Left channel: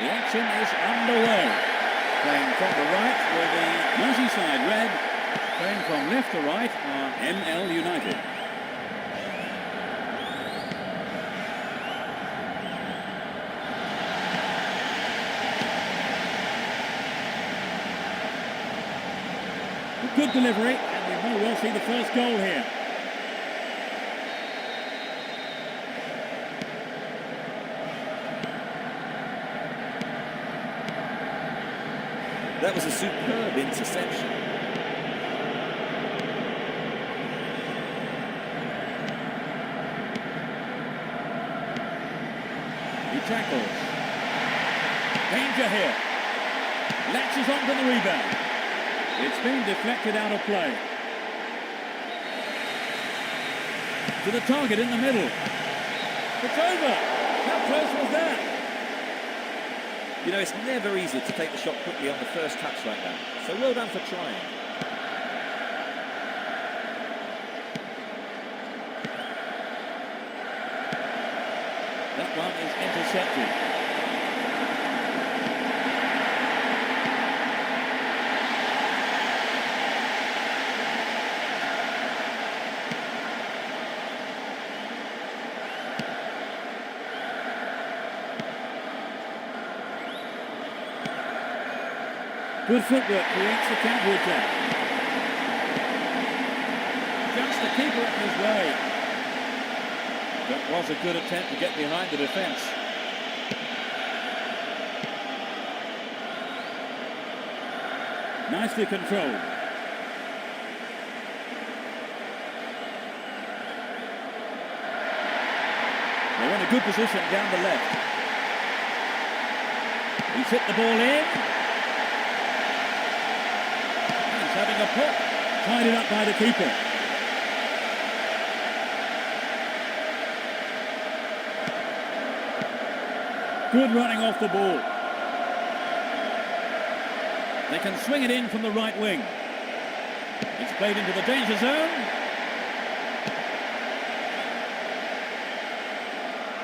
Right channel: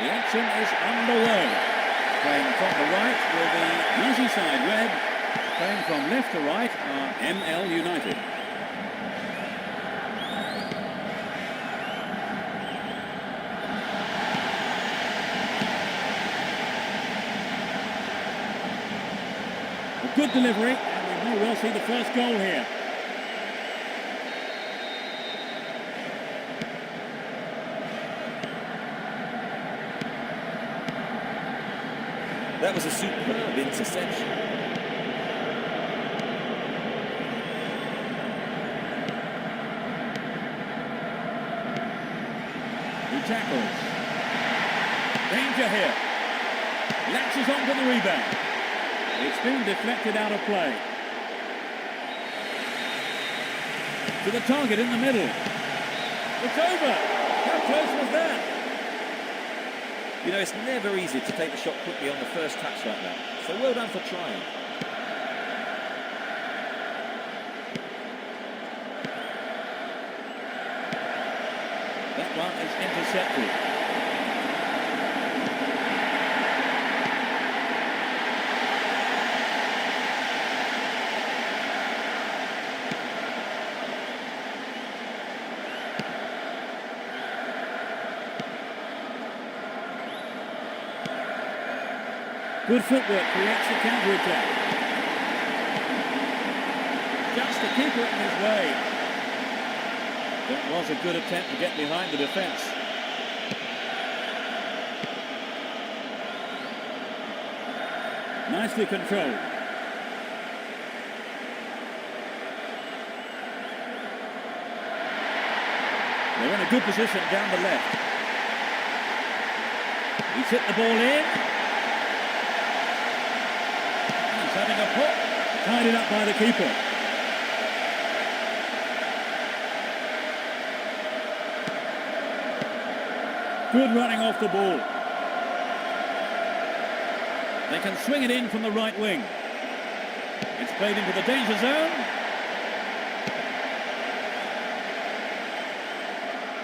The action is underway. Playing from the right will be Merseyside Red. Playing from left to right are NL United. A good delivery, and we may well see the first goal here. That was a superb interception. He tackles. Danger here. Latches onto the rebound. It's been deflected out of play. To the target in the middle. It's over. How close was that? You know, it's never easy to take the shot quickly on the first touch like that. So well done for trying. That one is intercepted. Good footwork creates the counter-attack. Just the keeper in his way. That was a good attempt to get behind the defence. Nicely controlled. They're in a good position down the left. He's hit the ball in. He's having a pop. Tied it up by the keeper. Good running off the ball. They can swing it in from the right wing. It's played into the danger zone.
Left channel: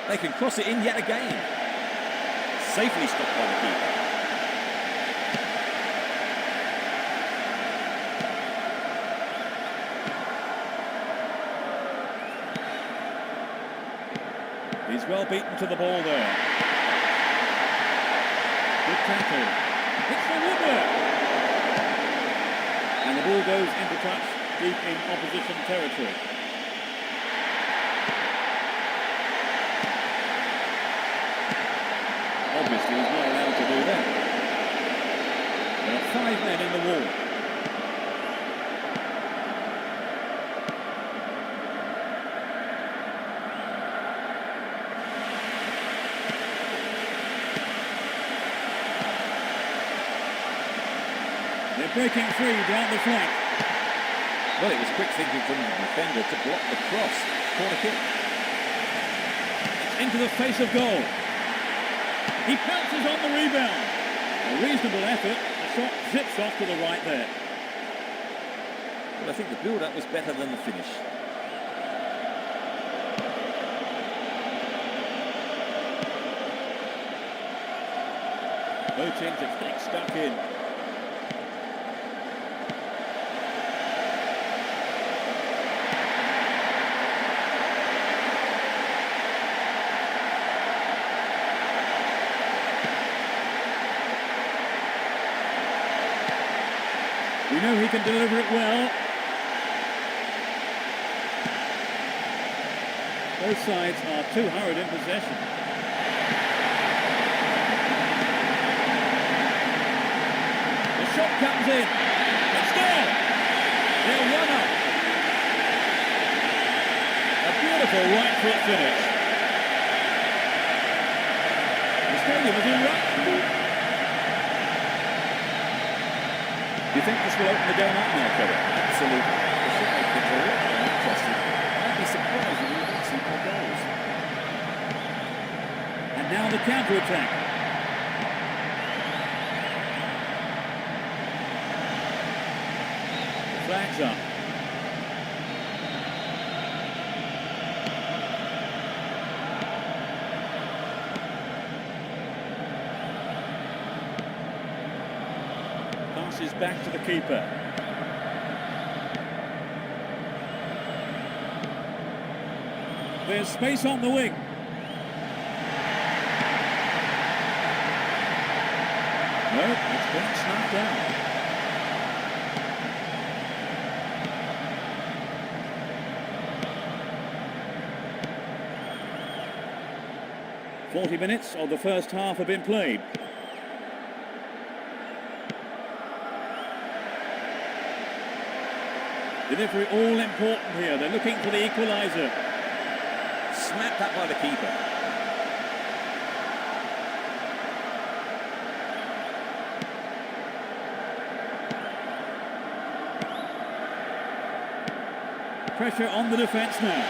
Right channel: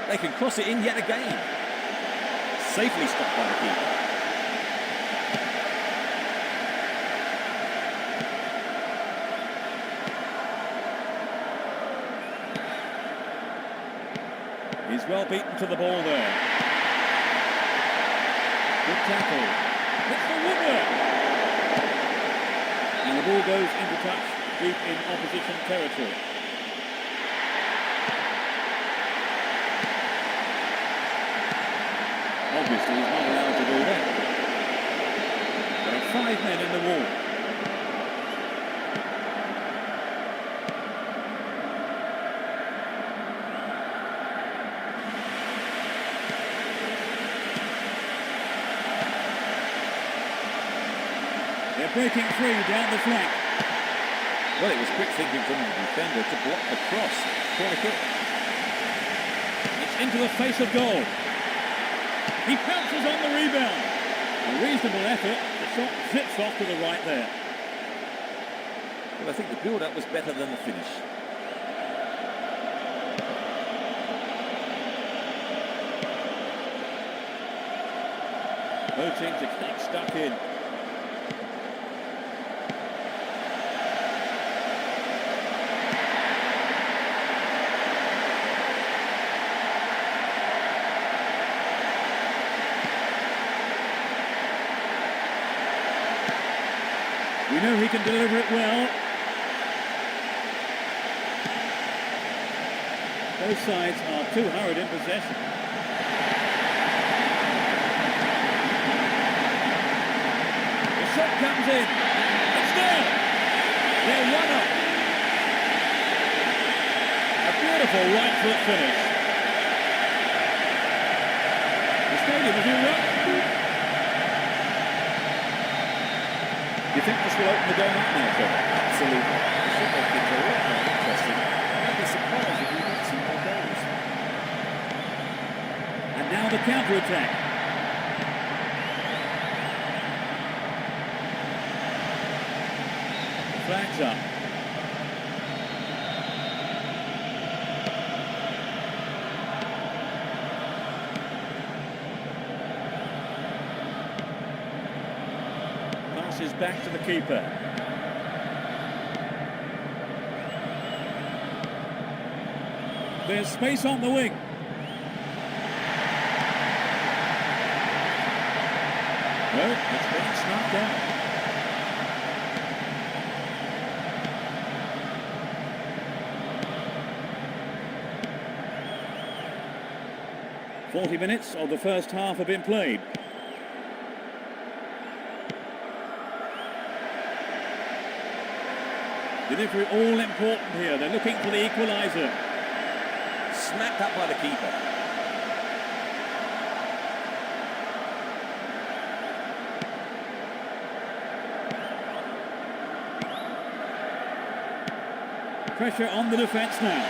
They can cross it in yet again. Safely stopped by the keeper. He's well beaten to the ball there. Good tackle. Hits the woodwork. And the ball goes into touch deep in opposition territory. Obviously, he's not allowed to do that. There are 5 men in the wall. They're breaking free down the flank. Well, it was quick thinking from the defender to block the cross. Corner kick. It's into the face of goal. He pounces on the rebound. A reasonable effort. The shot zips off to the right there. Well, I think the build-up was better than the finish. Both teams are getting stuck in. We know he can deliver it well. Both sides are too hurried in possession. The shot comes in. It's there. They're 1-up. A beautiful right foot finish. The stadium is erupting. Do you think this will open the game up now, Trevor? Absolutely. It should make things a lot more interesting. And I'd be surprised if we don't see more goals. And now the counter-attack. The flag's up. Passes back to the keeper. There's space on the wing. No, it's being snuffed out. "40 minutes of the first half have been played. Delivery all important here. They're looking for the equaliser. Snapped up by the keeper. Pressure on the defence now.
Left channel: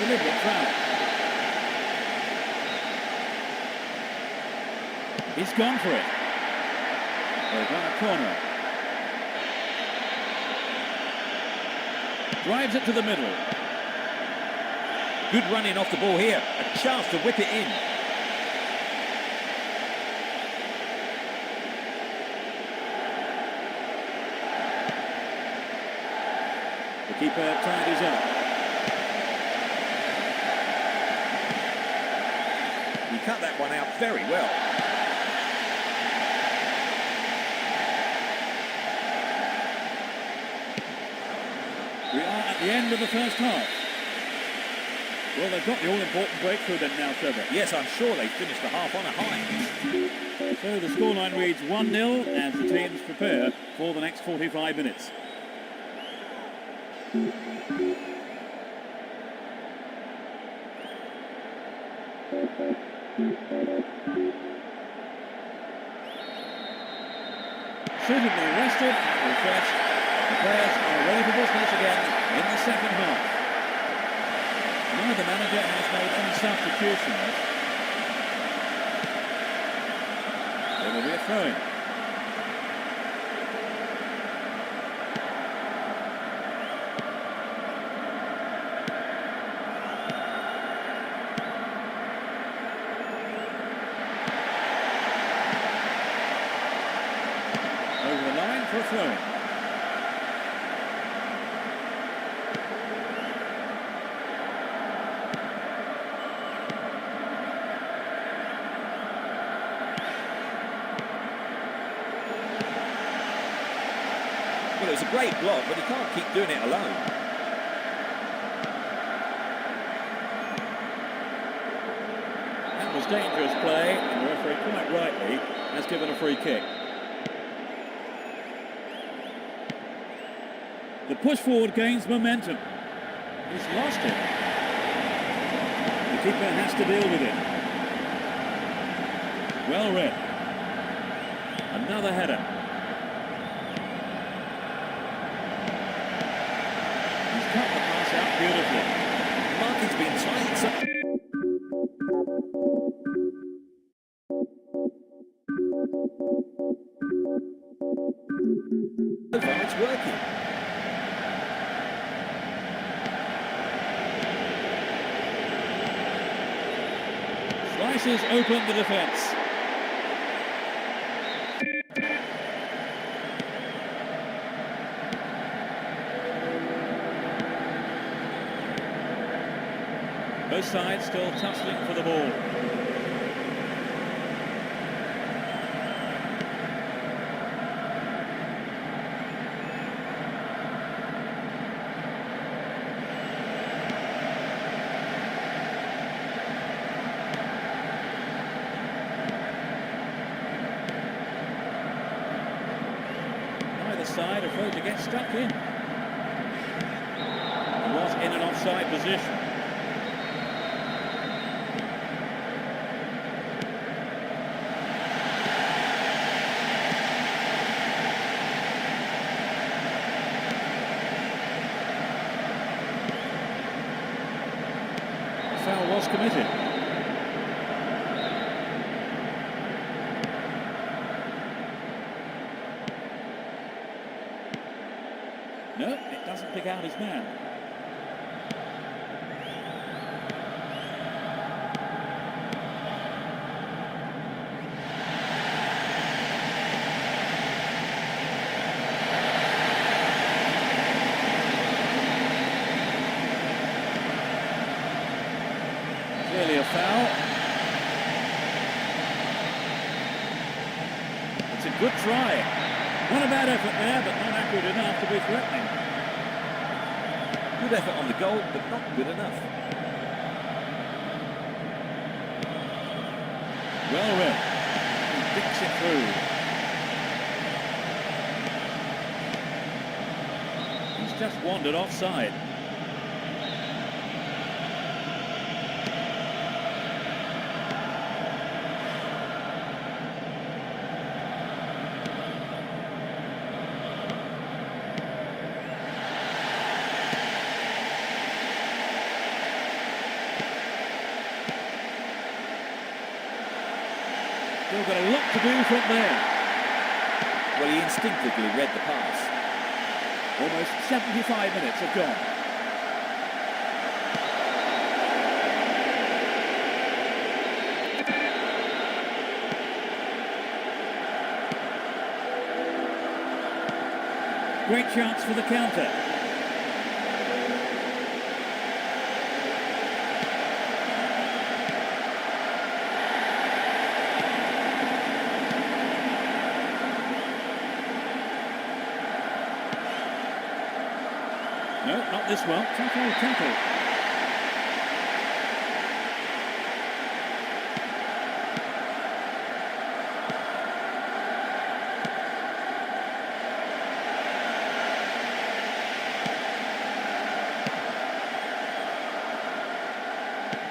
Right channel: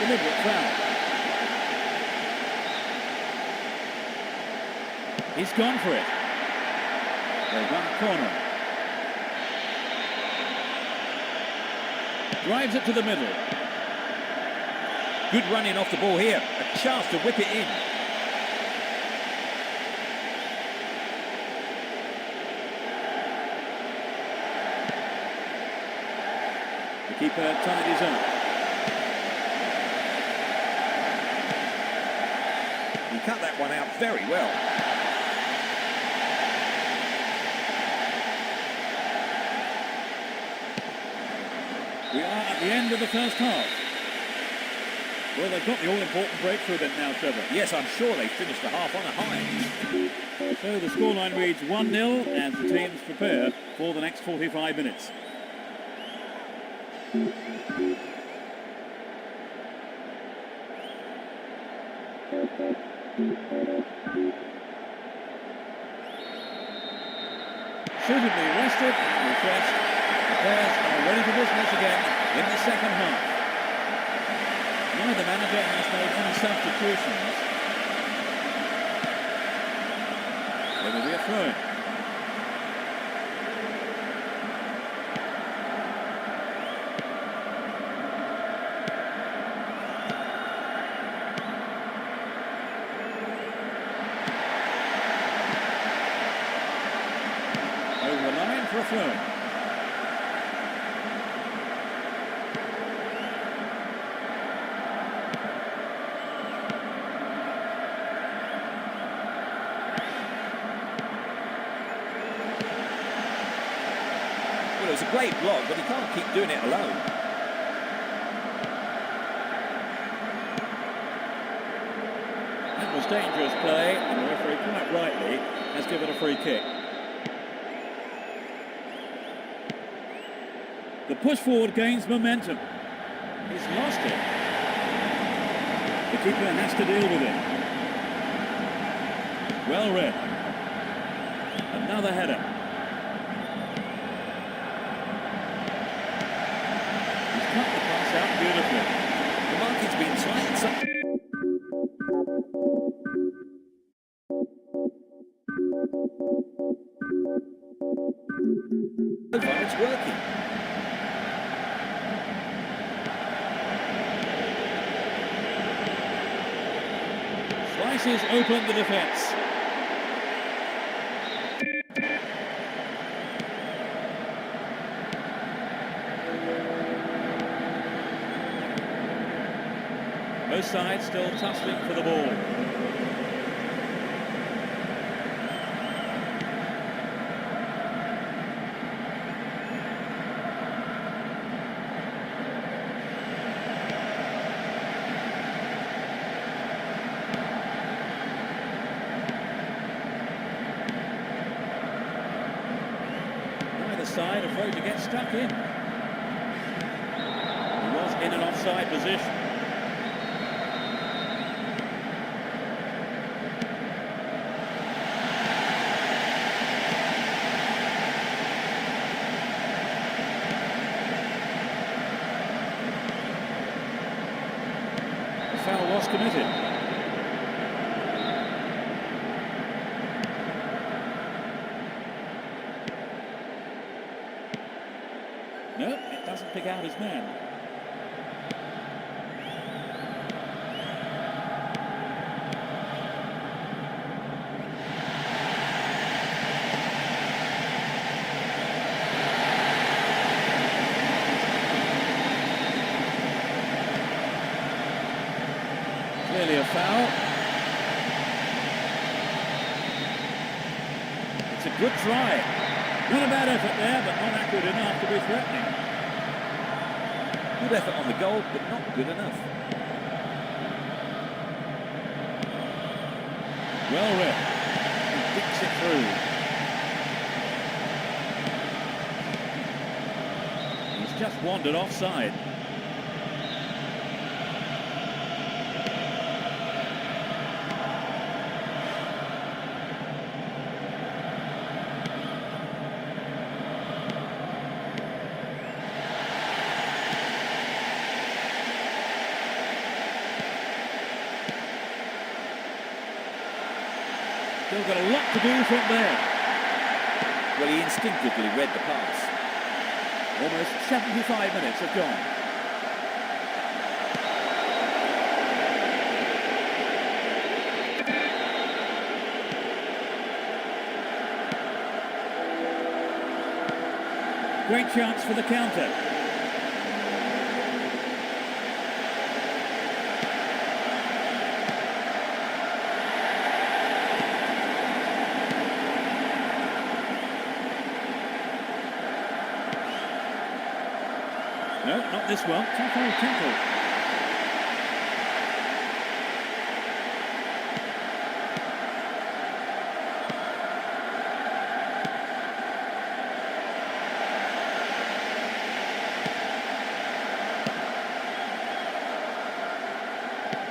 Deliberate foul. He's gone for it. They've won a corner. Drives it to the middle. Good running off the ball here. A chance to whip it in. The keeper tidies up. He cut that one out very well. We are at the end of the first half. Well, they've got the all-important breakthrough then now, Trevor. Yes, I'm sure they finished the half on a high. So the scoreline reads 1-0 as the teams prepare for the next 45 minutes. Suitably rested and refreshed, the players are ready for business again in the second half. Neither manager has made any substitutions. There will be a throw-in. Over the line for a throw-in. Well, it was a great block, but he can't keep doing it alone. That was dangerous play, and the referee, quite rightly, has given a free kick. The push forward gains momentum. He's lost it. The keeper has to deal with it. Well read. Another header. He's cut the pass out beautifully. The marking's been tight. So far it's working. Slices open the defence. Both sides still tussling for the ball. Either side afraid to get stuck in. He was in an offside position. The foul was committed. No, it doesn't pick out his man. Clearly a foul. It's a good try. Not a bad effort there, but not accurate enough to be threatening. Good effort on the goal, but not good enough. Well read. He dinks it through. He's just wandered offside. Still got a lot to do from there. Well, he instinctively read the pass. Almost 75 minutes have gone. Great chance for the counter. No, not this one. Tackle.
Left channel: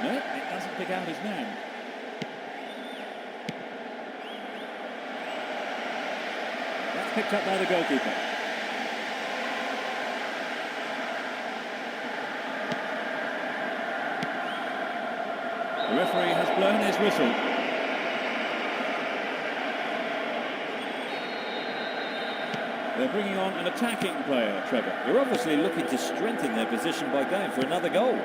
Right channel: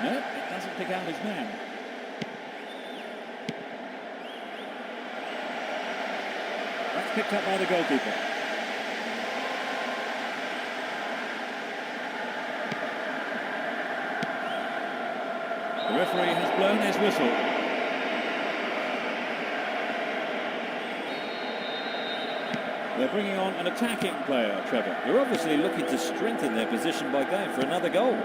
No, it doesn't pick out his man. That's picked up by the goalkeeper. The referee has blown his whistle. They're bringing on an attacking player, Trevor. They're obviously looking to strengthen their position by going for another goal.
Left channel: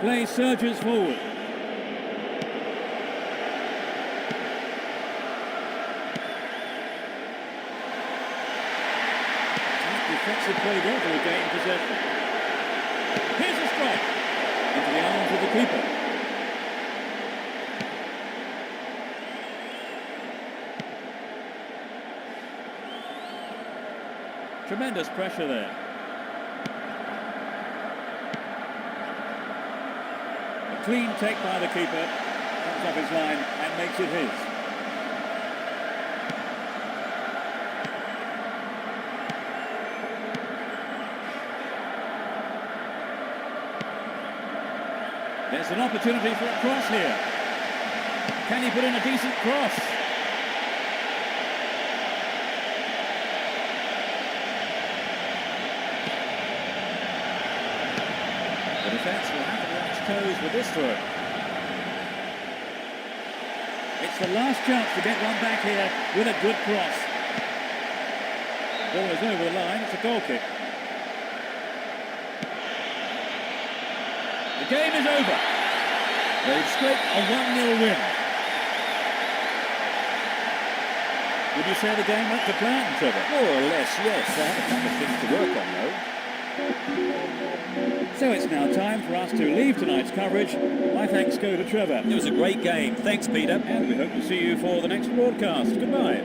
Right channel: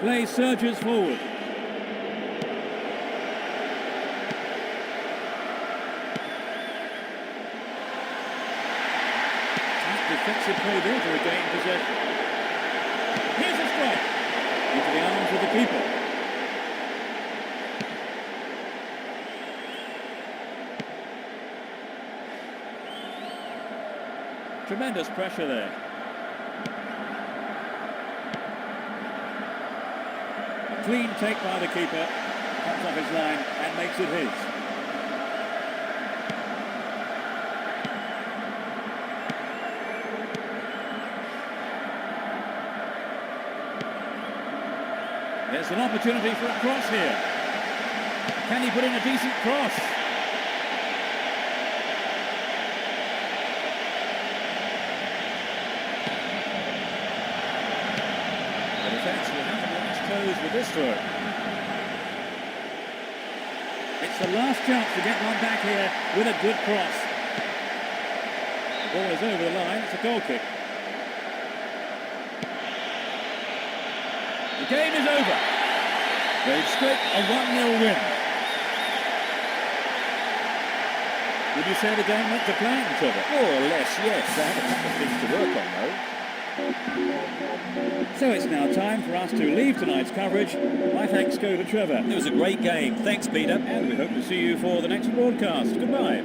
Play surges forward. Tight defensive play there to regain possession. Here's a strike into the arms of the keeper. Tremendous pressure there. A clean take by the keeper, comes off his line and makes it his. There's an opportunity for a cross here. Can he put in a decent cross? The defence will have to be on its toes with this throw. It's the last chance to get one back here with a good cross. The ball is over the line, it's a goal kick. The game is over. They've scraped a 1-0 win. Would you say the game went to plan, Trevor? More or less, yes. They had a couple of things to work on, though. So it's now time for us to leave tonight's coverage. My thanks go to Trevor. It was a great game. Thanks, Peter. And we hope to see you for the next broadcast. Goodbye.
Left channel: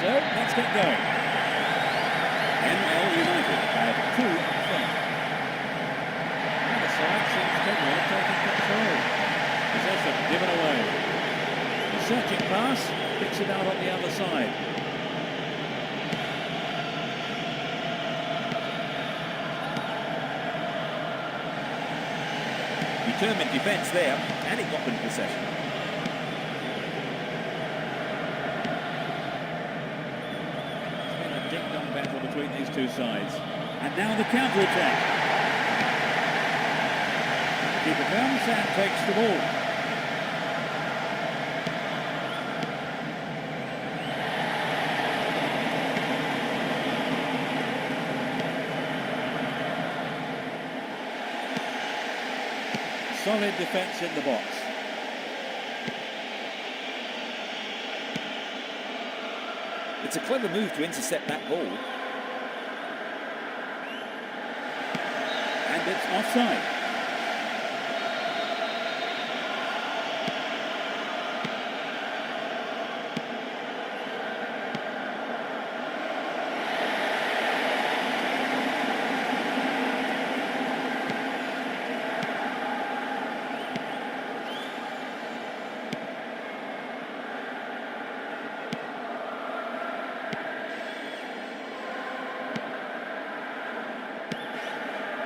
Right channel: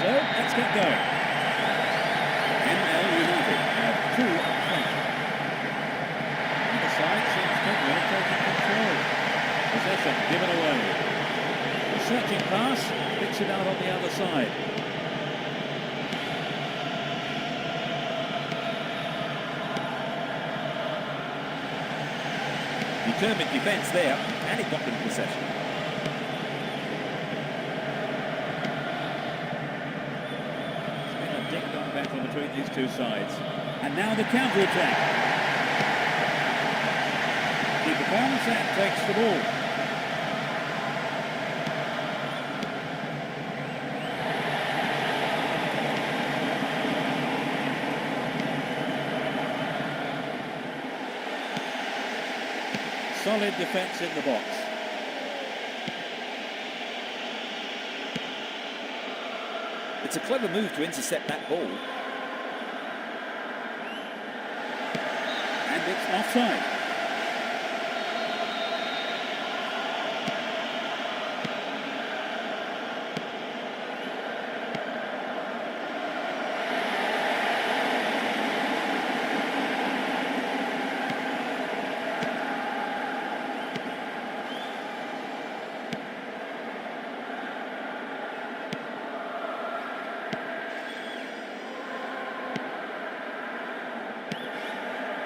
So, let's get going. NL United have two up front. Either side seems capable of taking control. Possession given away. The searching pass picks it out on the other side. Determined defence there, and it got them possession. A ding-dong battle between these two sides. And now the counter-attack. The keeper comes and takes the ball. Solid defence in the box. It's a clever move to intercept that ball. And it's offside.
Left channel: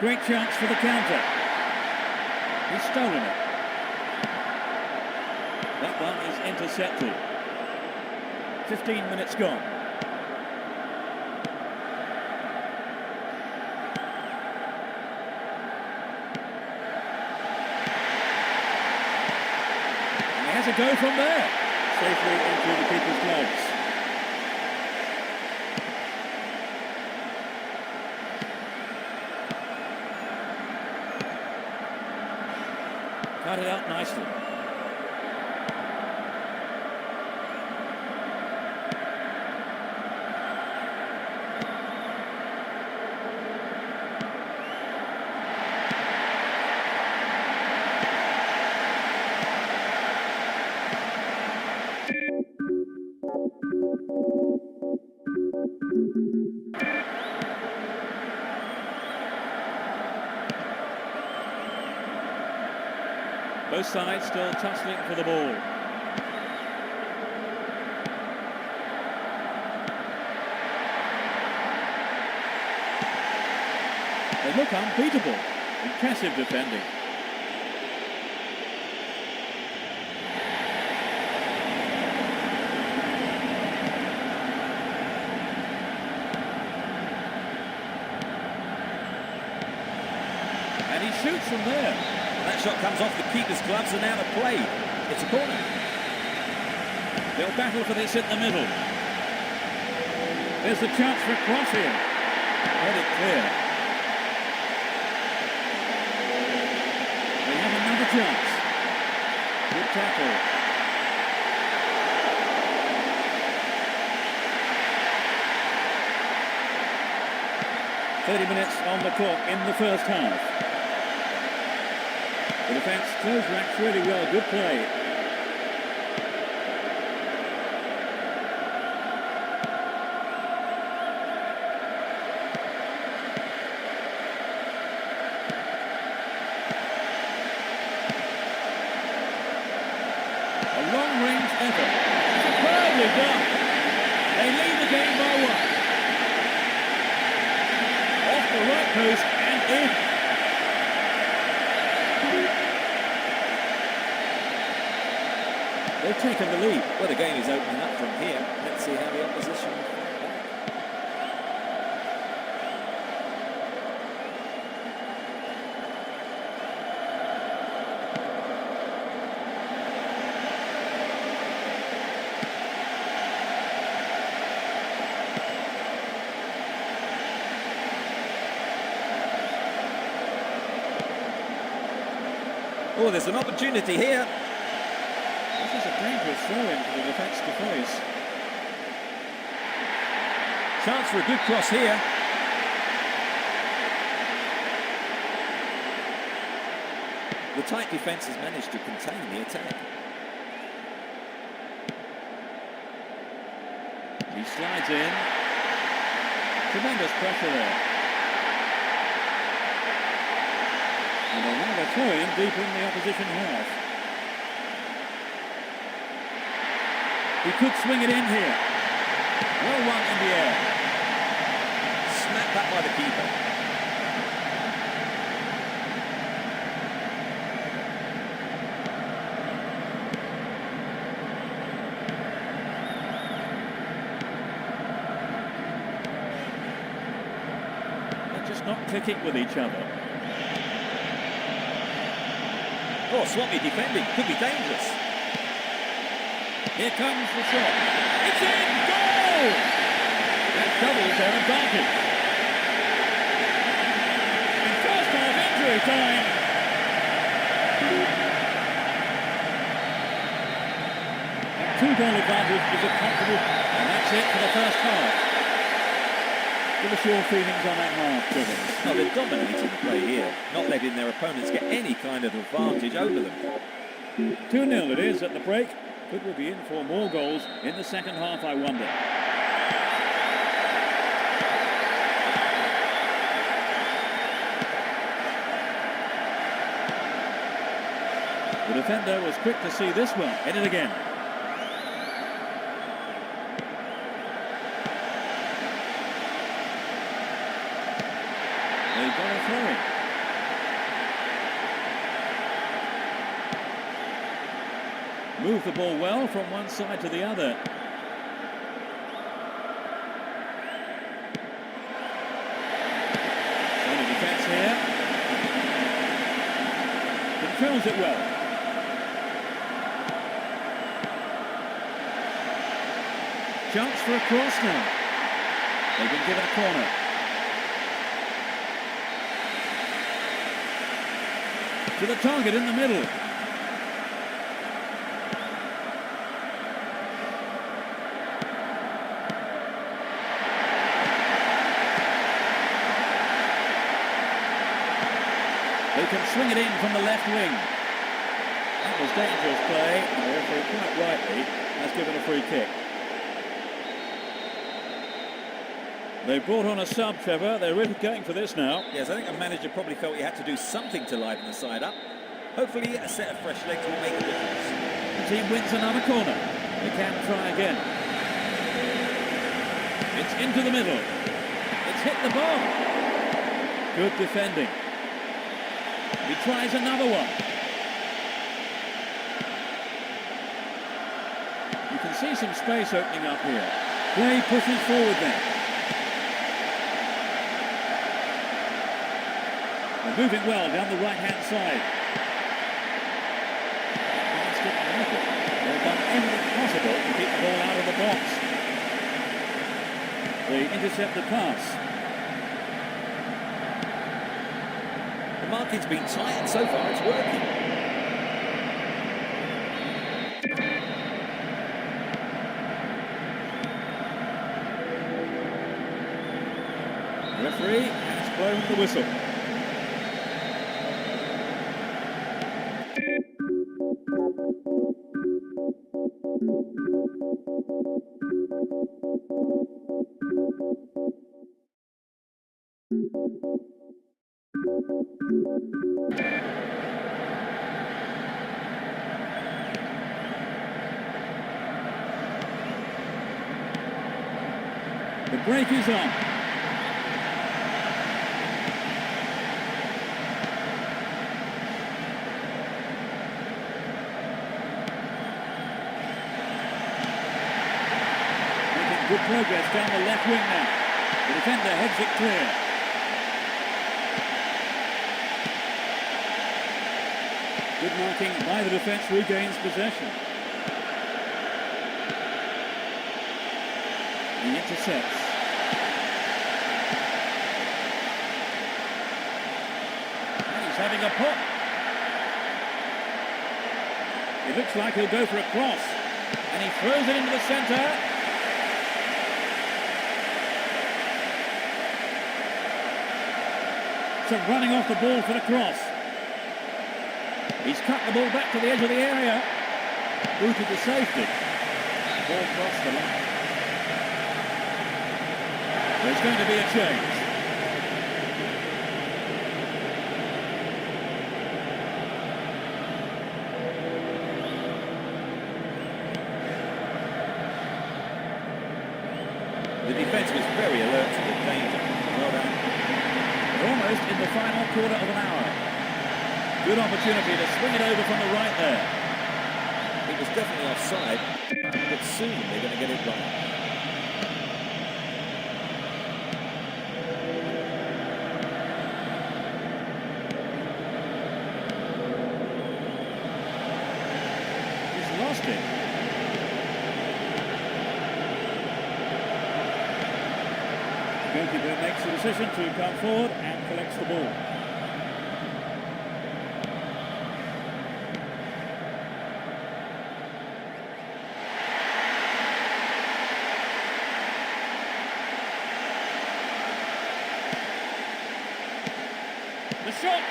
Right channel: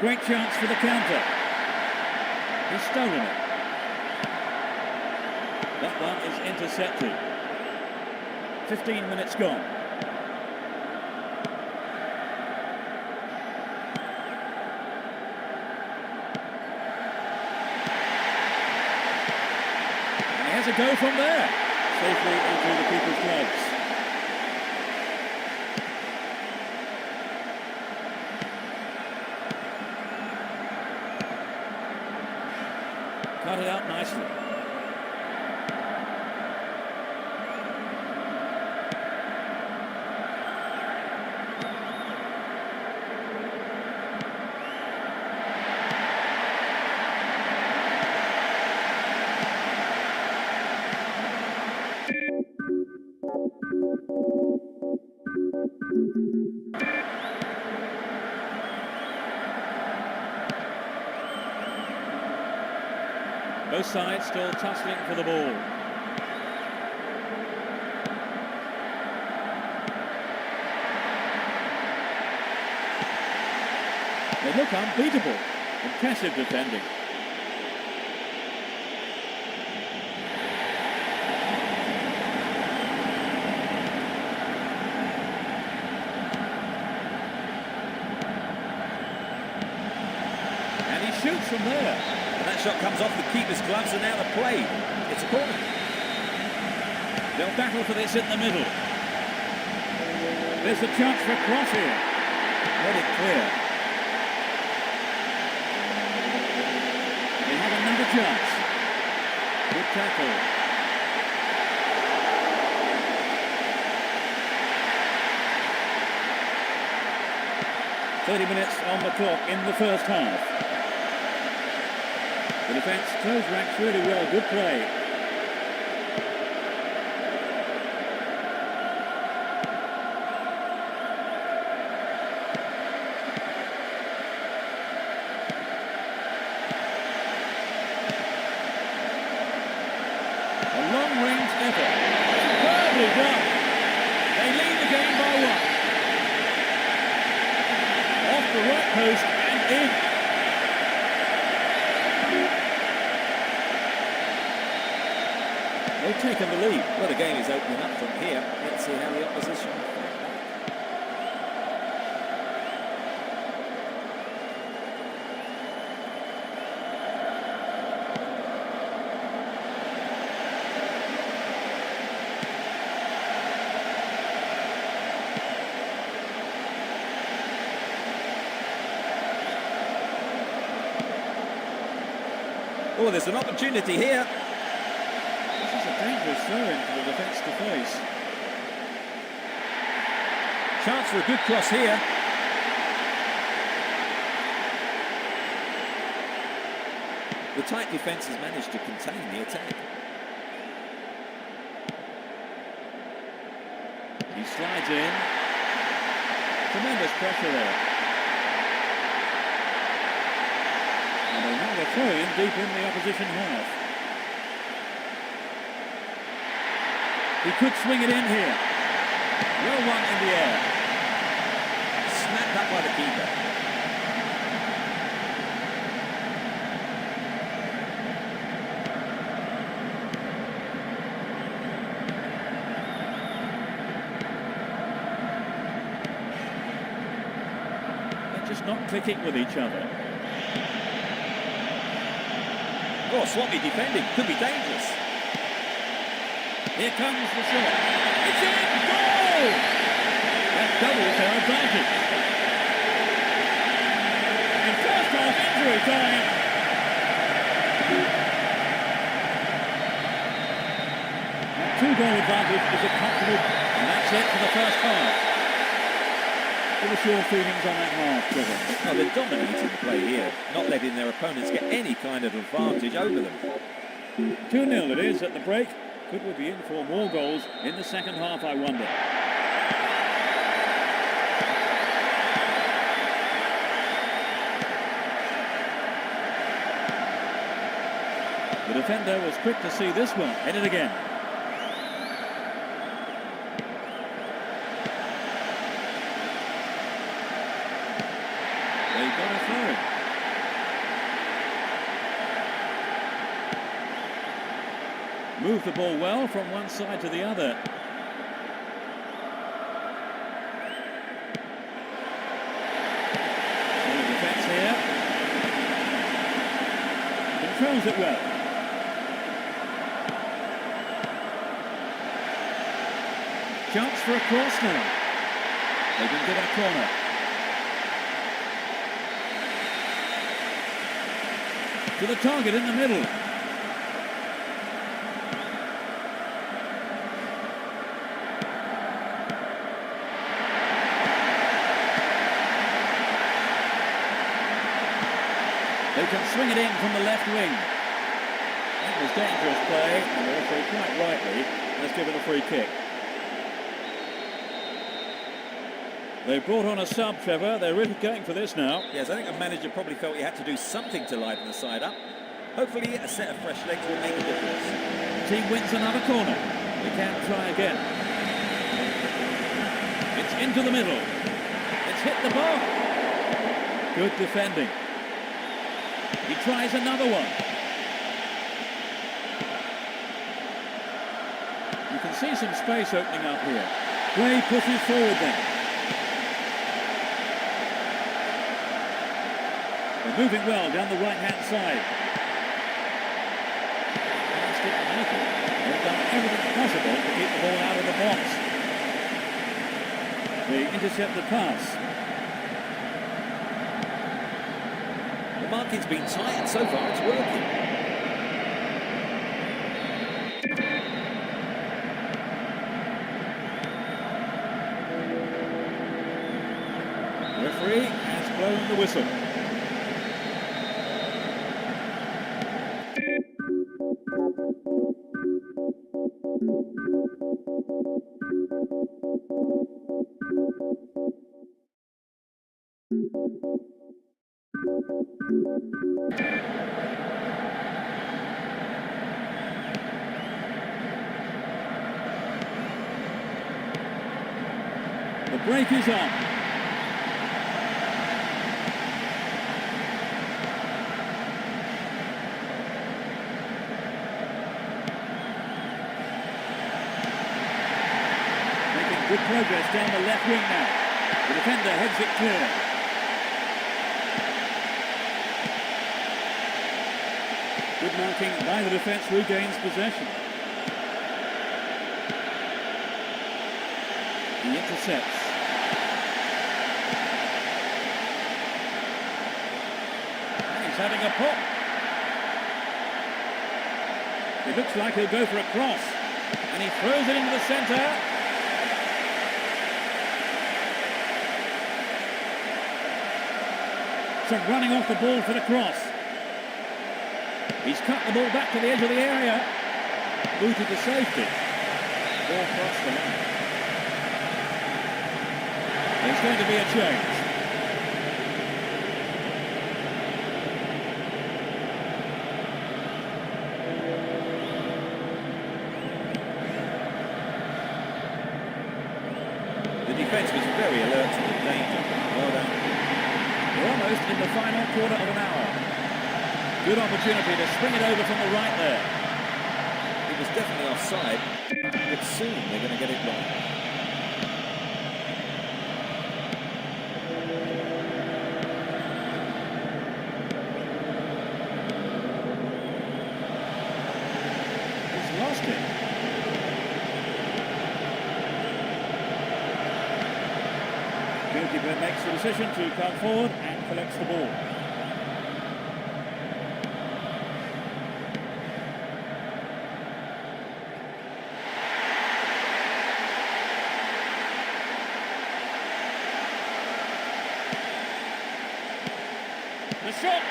Great chance for the counter. He's stolen it. That one is intercepted. 15 minutes gone. And he has a go from there. Safely into the keeper's gloves. Cut it out nicely. Both sides still tussling for the ball. They look unbeatable. Impressive defending. And he shoots from there. And that shot comes off the keeper's gloves and out of play. It's a corner. They'll battle for this in the middle. There's a chance for a cross here. Let it clear. They have another chance. Good tackle. "30 minutes on the clock in the first half. The defence closed ranks really well. Good play. effort. Superbly done. They lead the game by 1. Off the right post and in. They've taken the lead. Well, the game is opening up from here. Let's see how the opposition fight back. Oh, there's an opportunity here. This is a dangerous throw-in for the defence to face. Chance for a good cross here. The tight defence has managed to contain the attack. He slides in. Tremendous pressure there. And they'll have a throw-in deep in the opposition half. He could swing it in here. Well won in the air. Snapped up by the keeper. They're just not clicking with each other. Oh, sloppy defending. Could be dangerous. Here comes the shot. It's in! Goal! That doubles their advantage. In first half injury time. That 2-goal advantage is a comfortable, and that's it for the first half. Give us your feelings on that half, Trevor. No, they're dominating the play here, not letting their opponents get any kind of advantage over them. 2-0 it is at the break. Could we be in for more goals in the second half, I wonder? The defender was quick to see this one. Hit it again. They got a throw in. Move the ball well from one side to the other. Solid defence here. Controls it well. Chance for a cross now. They've been given a corner. To the target in the middle. They can swing it in from the left wing. That was dangerous play, and the referee quite rightly has given a free kick. They brought on a sub, Trevor. They're really going for this now. Yes, I think the manager probably felt he had to do something to liven the side up. Hopefully a set of fresh legs will make a difference. The team wins another corner. They can try again. It's into the middle. It's hit the bar. Good defending. He tries another one. You can see some space opening up here. Play pushes forward then. They're moving well down the right-hand side. Pass didn't make it. They've done everything possible to keep the ball out of the box. They intercept the pass. The marking's been tight, and so far it's working. The referee has blown the whistle. The break is on. Making good progress down the left wing now. The defender heads it clear. Good marking by the defence, regains possession. He intercepts. And he's having a pop. It looks like he'll go for a cross. And he throws it into the centre. So running off the ball for the cross. He's cut the ball back to the edge of the area. Booted to safety. The ball crossed the line. There's going to be a change. The defence was very alert to the danger. Well done. We're almost in the final quarter of an hour. Good opportunity to swing it over from the right there. It was definitely offside, but soon they're going to get it right. He's lost it. Goalkeeper makes the decision to come forward and collects the ball. The shot!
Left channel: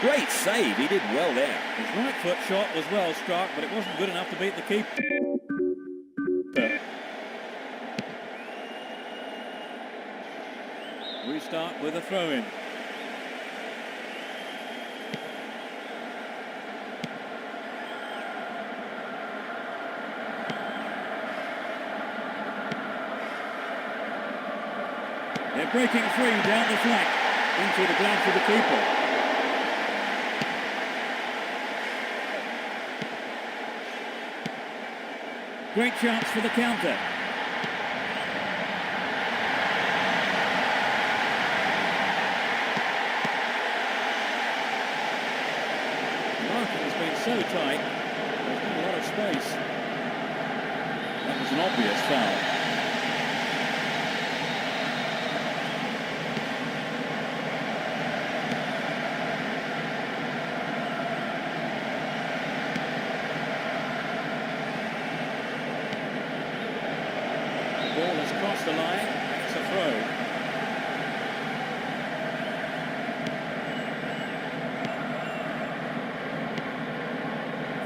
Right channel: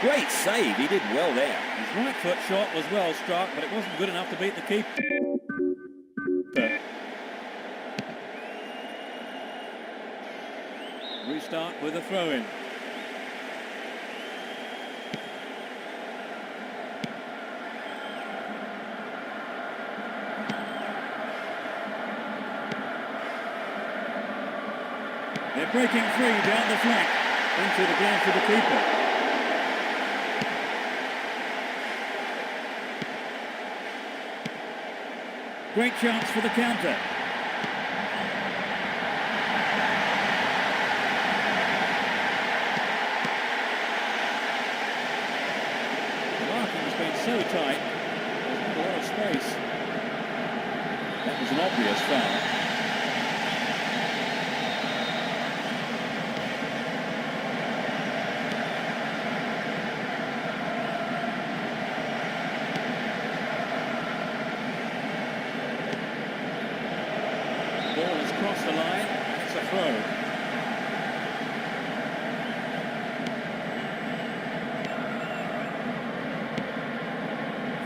Great save, he did well there. His right foot shot was well struck, but it wasn't good enough to beat the keeper. Restart with a throw-in. They're breaking free down the flank into the gloves of the keeper. Great chance for the counter. The marking's been so tight, there's not a lot of space. That was an obvious foul. The ball has crossed the line and it's a throw.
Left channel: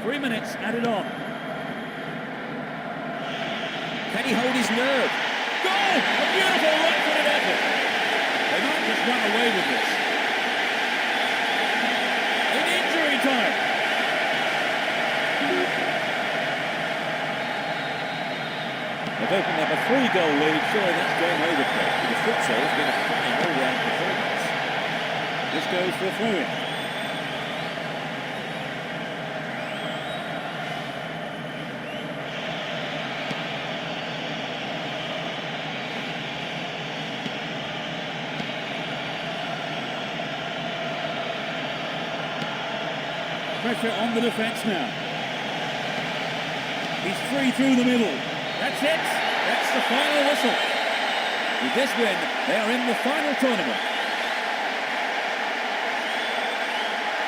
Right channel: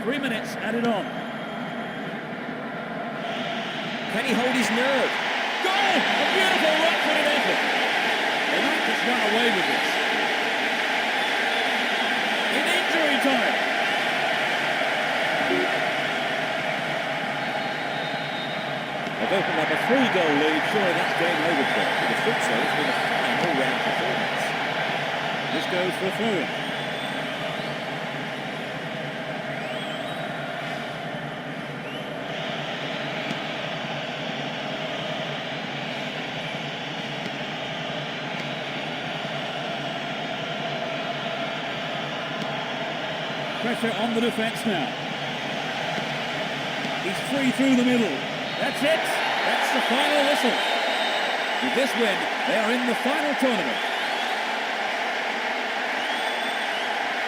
Three minutes added on. Can he hold his nerve? Goal! A beautiful right-footed effort. They might just run away with this. In injury time. They've opened up a 3-goal lead. Surely that's game over for them. You'd have thought so. It's been a fine all-round performance. This goes for a throw-in. Pressure on the defence now. He's free through the middle. That's it. That's the final whistle. With this win, they are in the final tournament.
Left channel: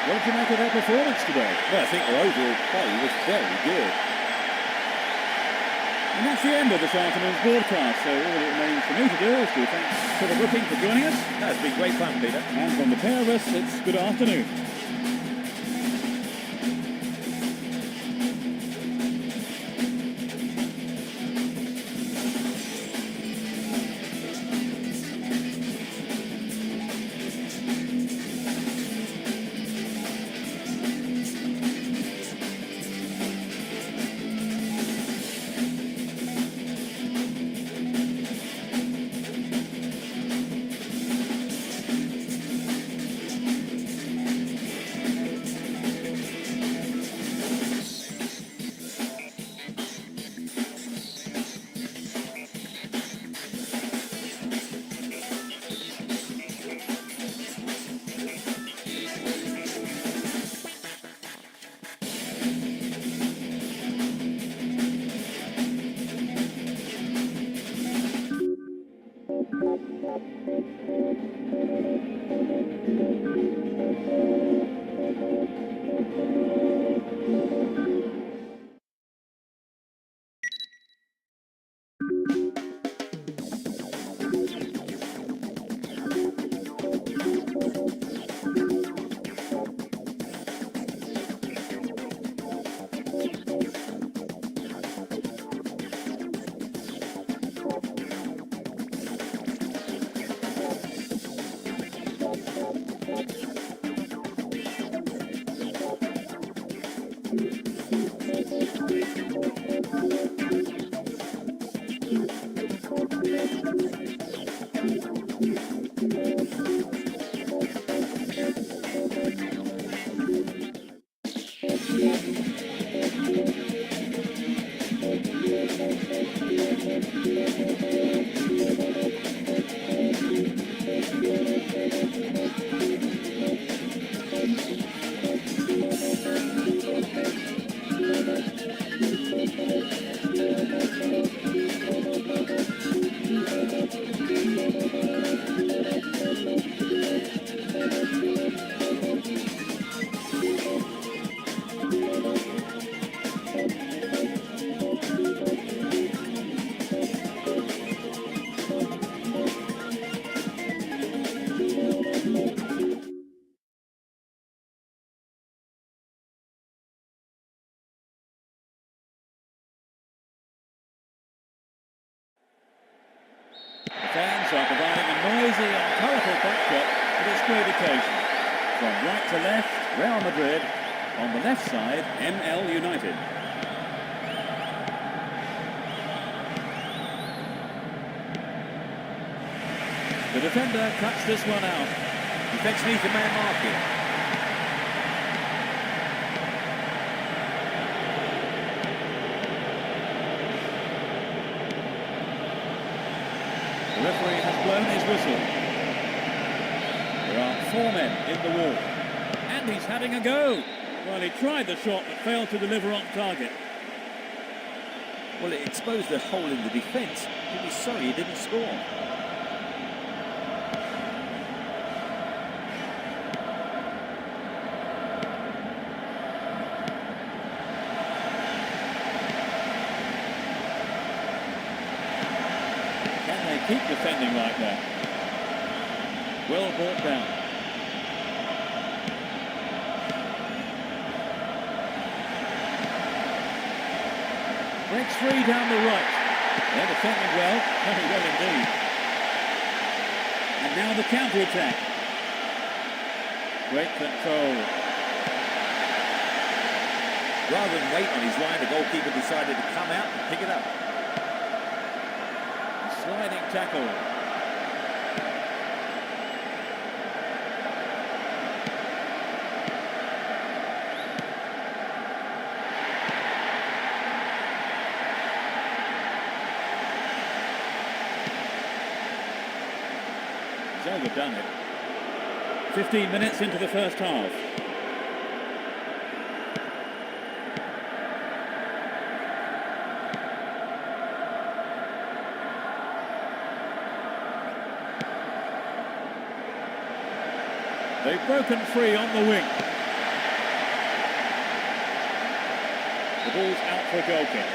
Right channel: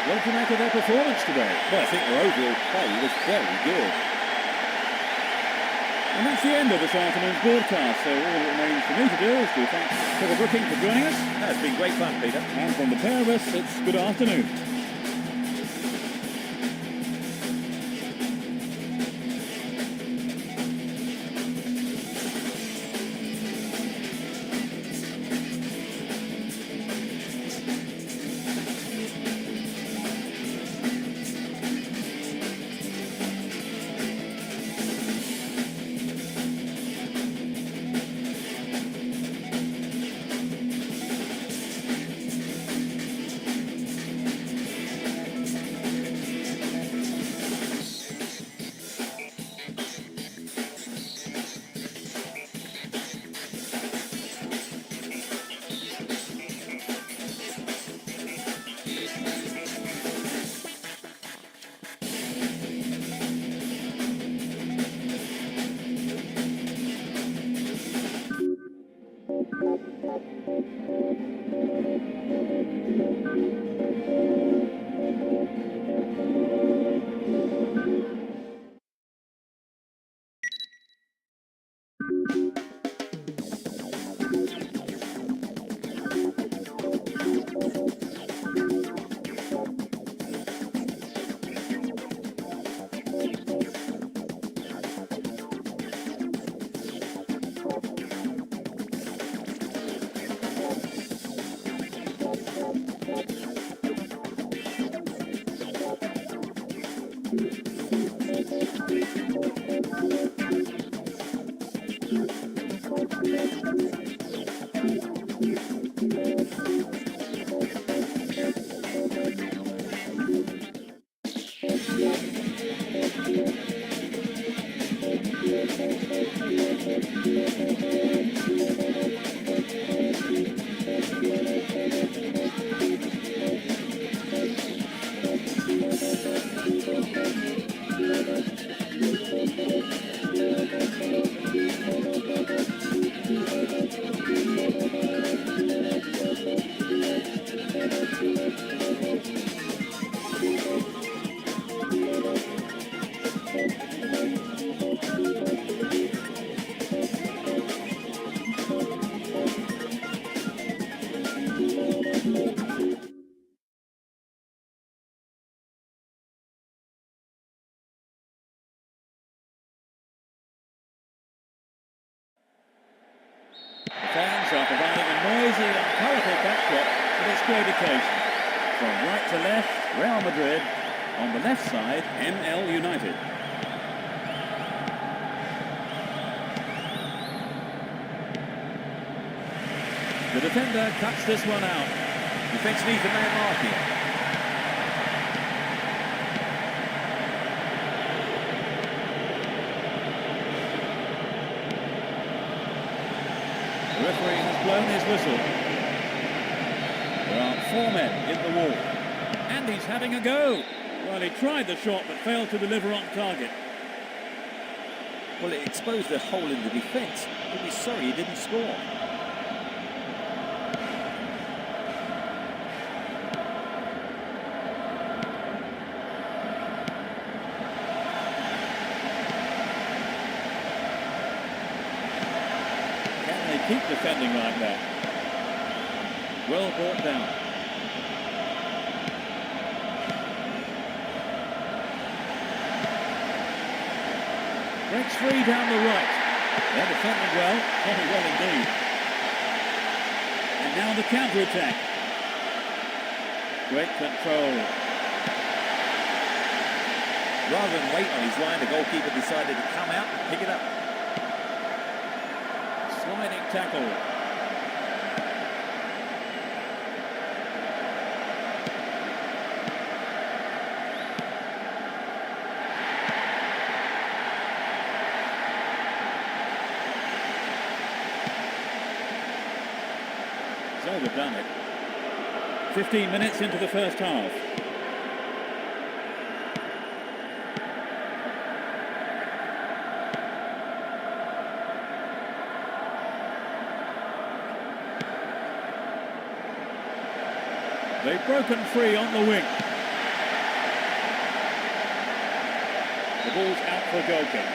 What did you make of their performance today? Well, I think their overall play was very good. And that's the end of this afternoon's broadcast. So all that remains for me to do is to thank Trevor Brooking for joining us. That's been great fun, Peter. And from the pair of us, it's good afternoon. The fans are providing a noisy and colourful backdrop for this great occasion. From right to left, Real Madrid. On the left side, ML United. The defender cuts this one out. Defence needs a man mark here. The referee has blown his whistle. There are 4 men in the wall. And he's having a go. Well, he tried the shot but failed to deliver on target. Well, it exposed a hole in the defence. He'll be sorry he didn't score. Can they keep defending like that? Well brought down. Breaks free down the right. They're defending well, very well indeed. And now the counter-attack. Great control. Rather than wait on his line, the goalkeeper decided to come out and pick it up. A sliding tackle. He's overdone it. 15 minutes into the first half. They've broken free on the wing. The ball's out for a goal kick.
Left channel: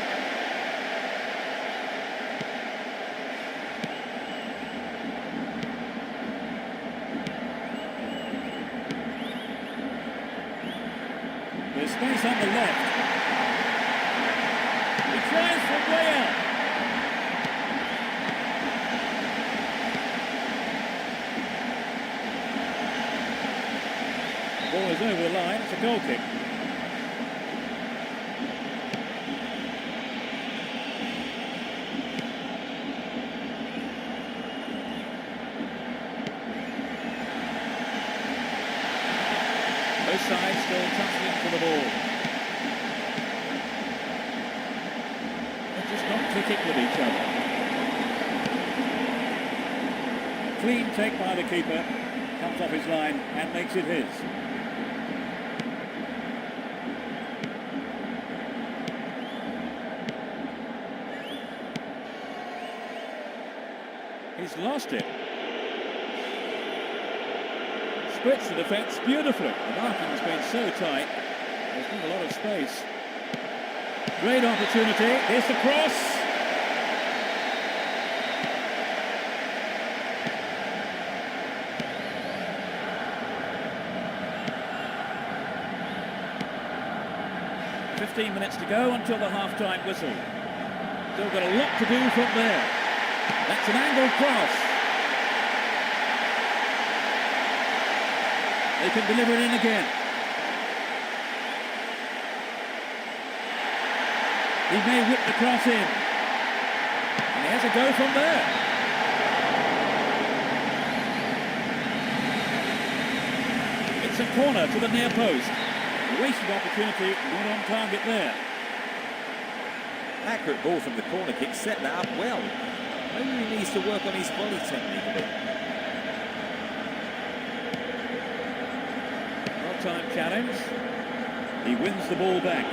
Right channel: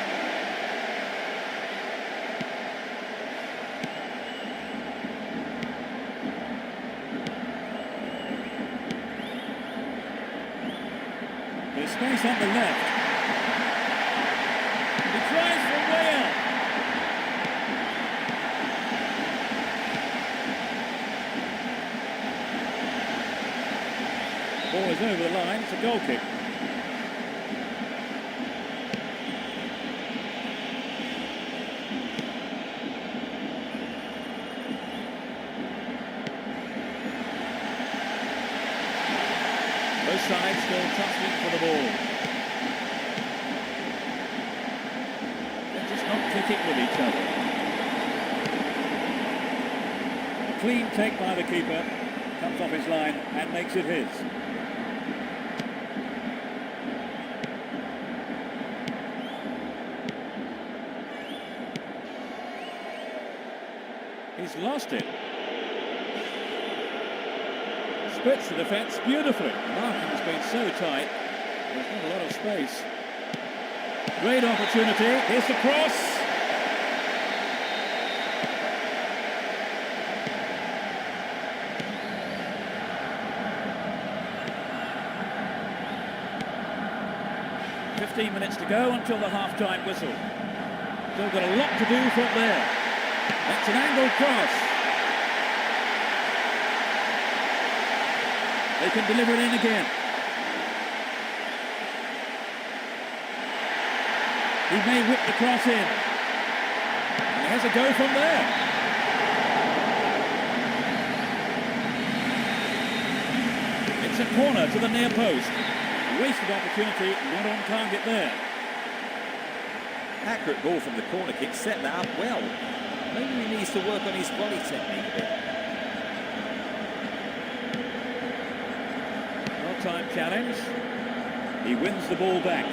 There's space on the left. He tries from way out. The ball is over the line. It's a goal kick. Both sides still tussling for the ball. They're just not clicking with each other. A clean take by the keeper. Comes off his line and makes it his. He's lost it. Splits the defence beautifully. The marking's been so tight, there's not a lot of space. Great opportunity. Here's the cross. "15 minutes to go until the half-time whistle. Still got a lot to do from there. That's an angled cross. They can deliver it in again. He may whip the cross in. And he has a go from there. It's a corner to the near post. Wasted opportunity, not on target there. Accurate ball from the corner kick, set that up well. Maybe he needs to work on his volley technique a bit. Well-timed challenge. He wins the ball back.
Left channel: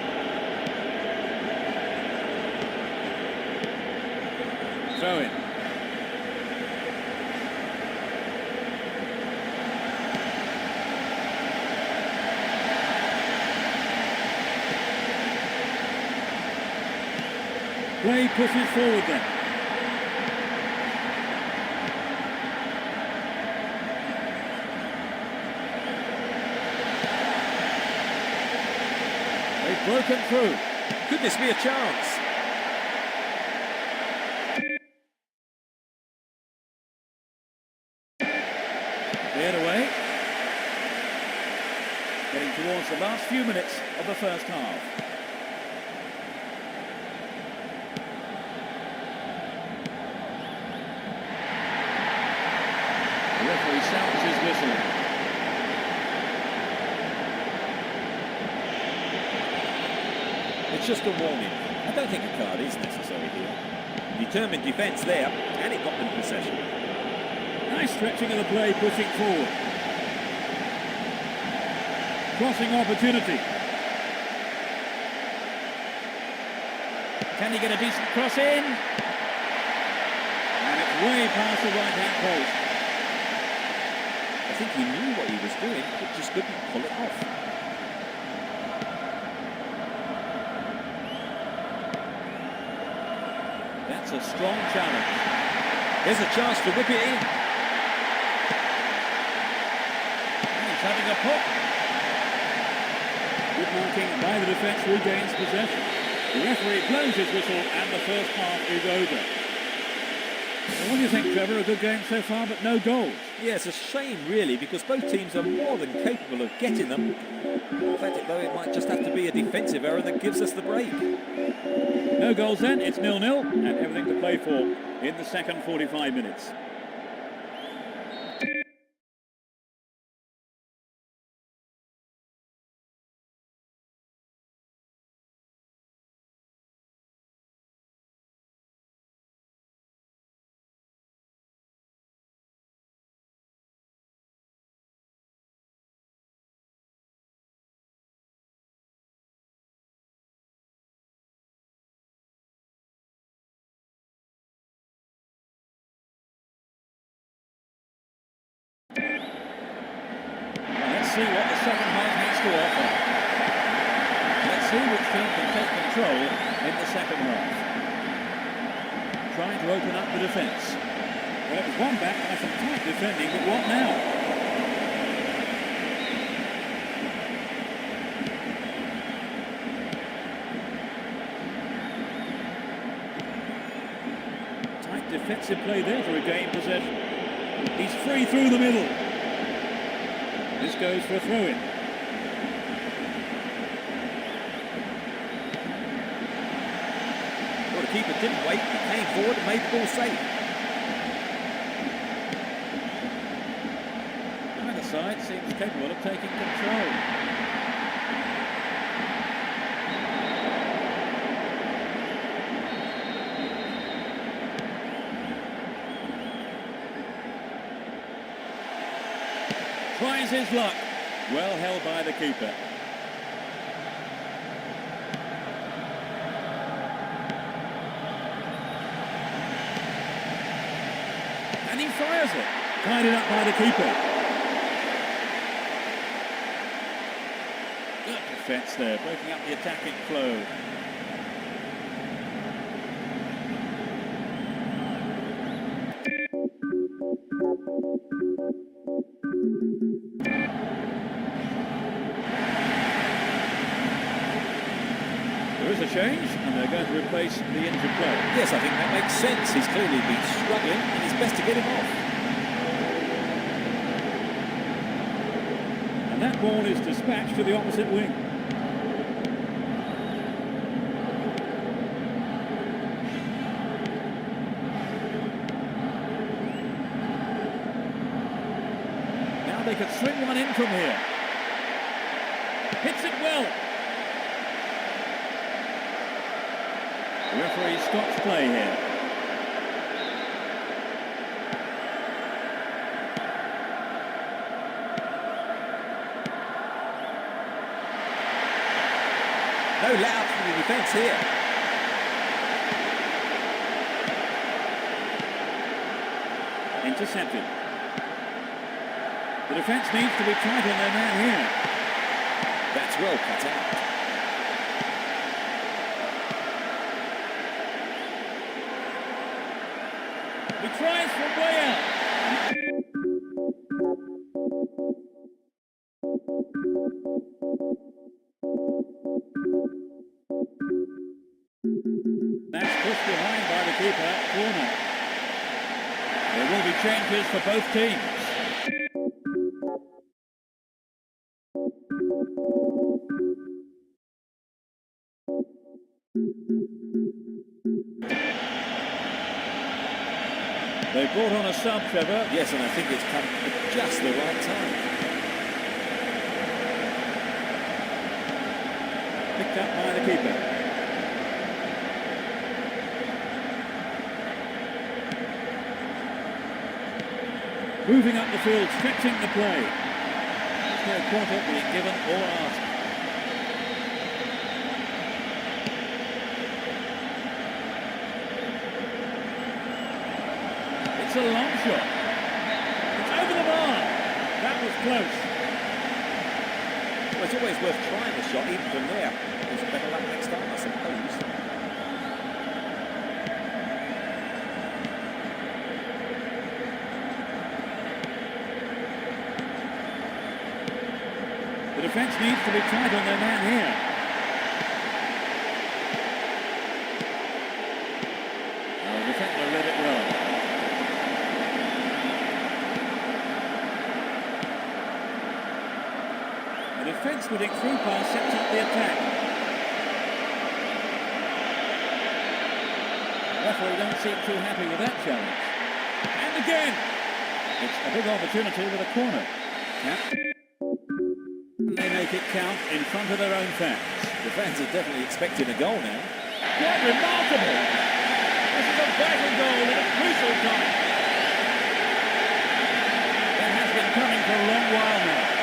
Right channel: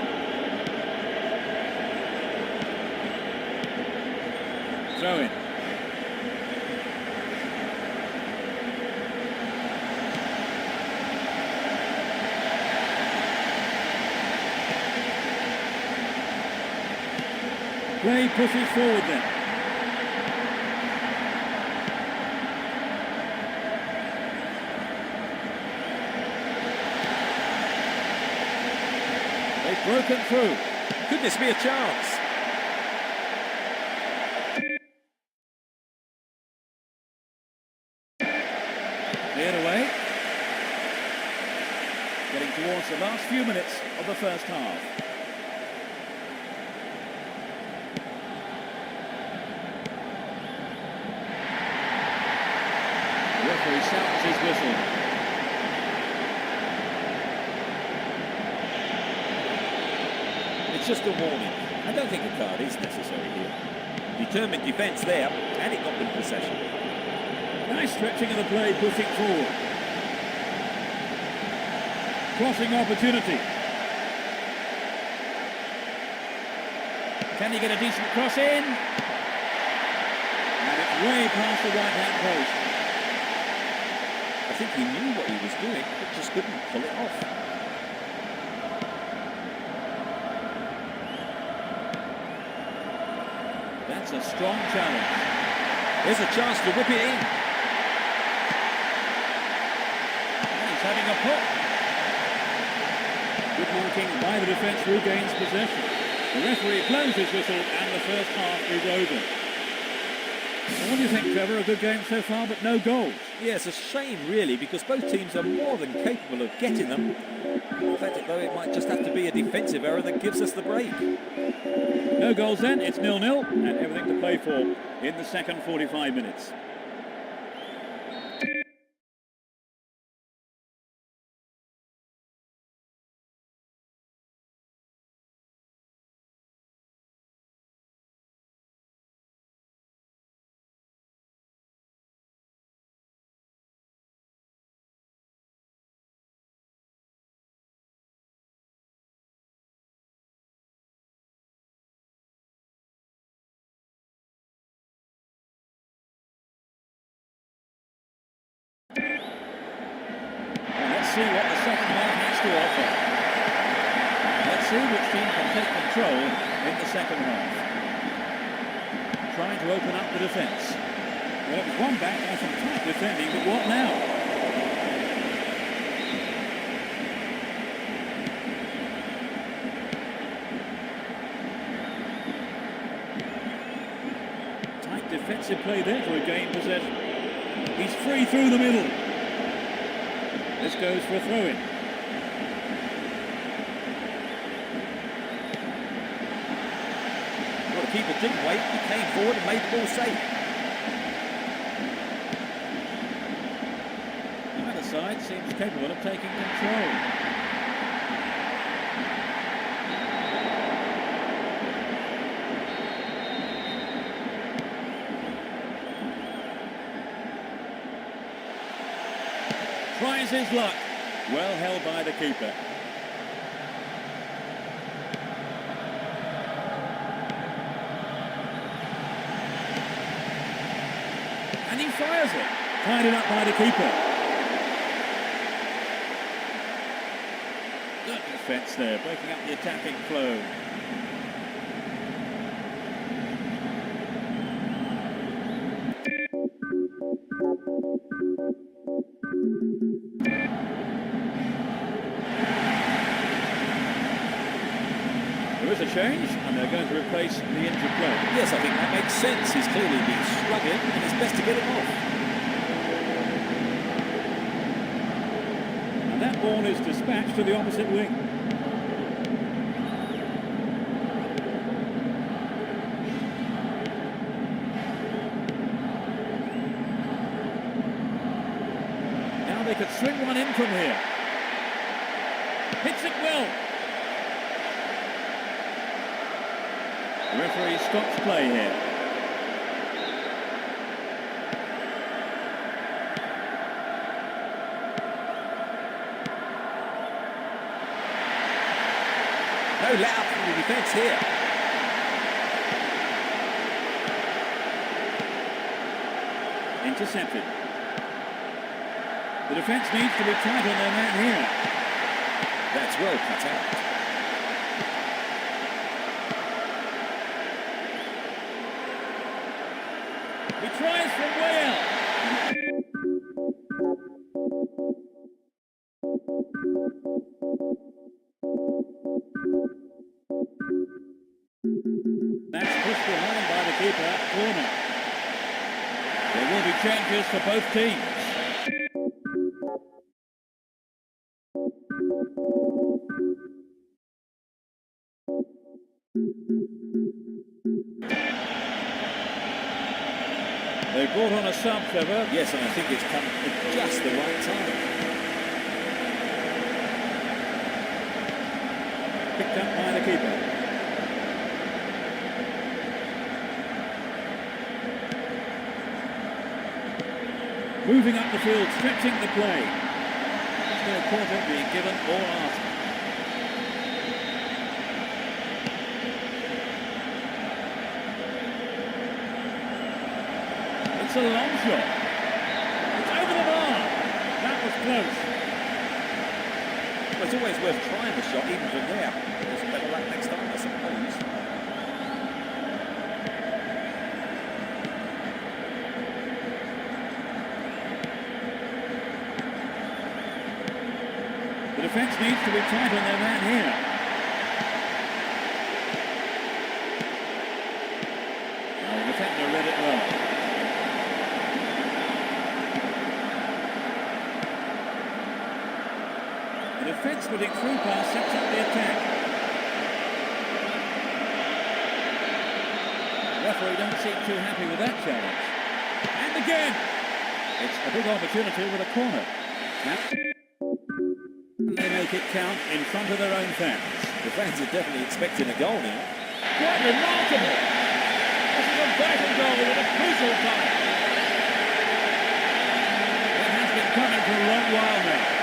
Throw in. Play pushes forward then. They've broken through. Could this be a chance? Cleared away. Getting towards the last few minutes of the first half. The referee sounds his whistle. It's just a warning. I don't think a card is necessary here. Determined defence there, and it got them possession. Nice stretching of the play, pushing forward. Crossing opportunity. Can he get a decent cross in? And it's way past the right-hand post. I think he knew what he was doing, but just couldn't pull it off. That's a strong challenge. Here's a chance to whip it in. And he's having a pop. Good marking by the defence, regains possession. The referee blows his whistle and the first half is over. Well, what do you think, Trevor? A good game so far, but no goals. Yeah, it's a shame, really, because both teams are more than capable of getting them. In fact, though, it might just have to be a defensive error that gives us the break. No goals then, it's 0-0 and everything to play for in the second 45 minutes. Well, let's see what the second half has to offer. Let's see which team can take control in the second half. Trying to open up the defence. Well, it was one back by some tight defending, but what now? Tight defensive play there to regain possession. He's free through the middle. This goes for a throw-in. Well, the keeper didn't wait. He came forward and made the ball safe. Either side seems capable of taking control. Tries his luck. Well held by the keeper. And he fires it. Tied up by the keeper. Good defence there, breaking up the attacking flow. There is a change, and they're going to replace the injured player. Yes, I think that makes sense. He's clearly been struggling, and it's best to get him off. And that ball is dispatched to the opposite wing. Now they could swing one in from here. Hits it well. The referee stops play here. No let up from the defence here. Intercepted. The defence needs to be tight on their man here. That's well cut out. He tries from way out. That's pushed behind by the keeper. Corner. There will be changes for both teams. They brought on a sub, Trevor. Yes, and I think it's come at just the right time. Picked up by the keeper. Moving up the field, stretching the play. There's no quarter being given or asked. It's a long shot. It's over the bar. That was close. Well, it's always worth trying the shot, even from there. Just better luck next time, I suppose. The defence needs to be tight on their man here. Now the defender read it well. The defence putting through pass sets up the attack. The referee don't seem too happy with that challenge. And again! It's a big opportunity with a corner. They make it count in front of their own fans. The fans are definitely expecting a goal now. Quite remarkable! This is a vital goal at a crucial time. That has been coming for a long while now.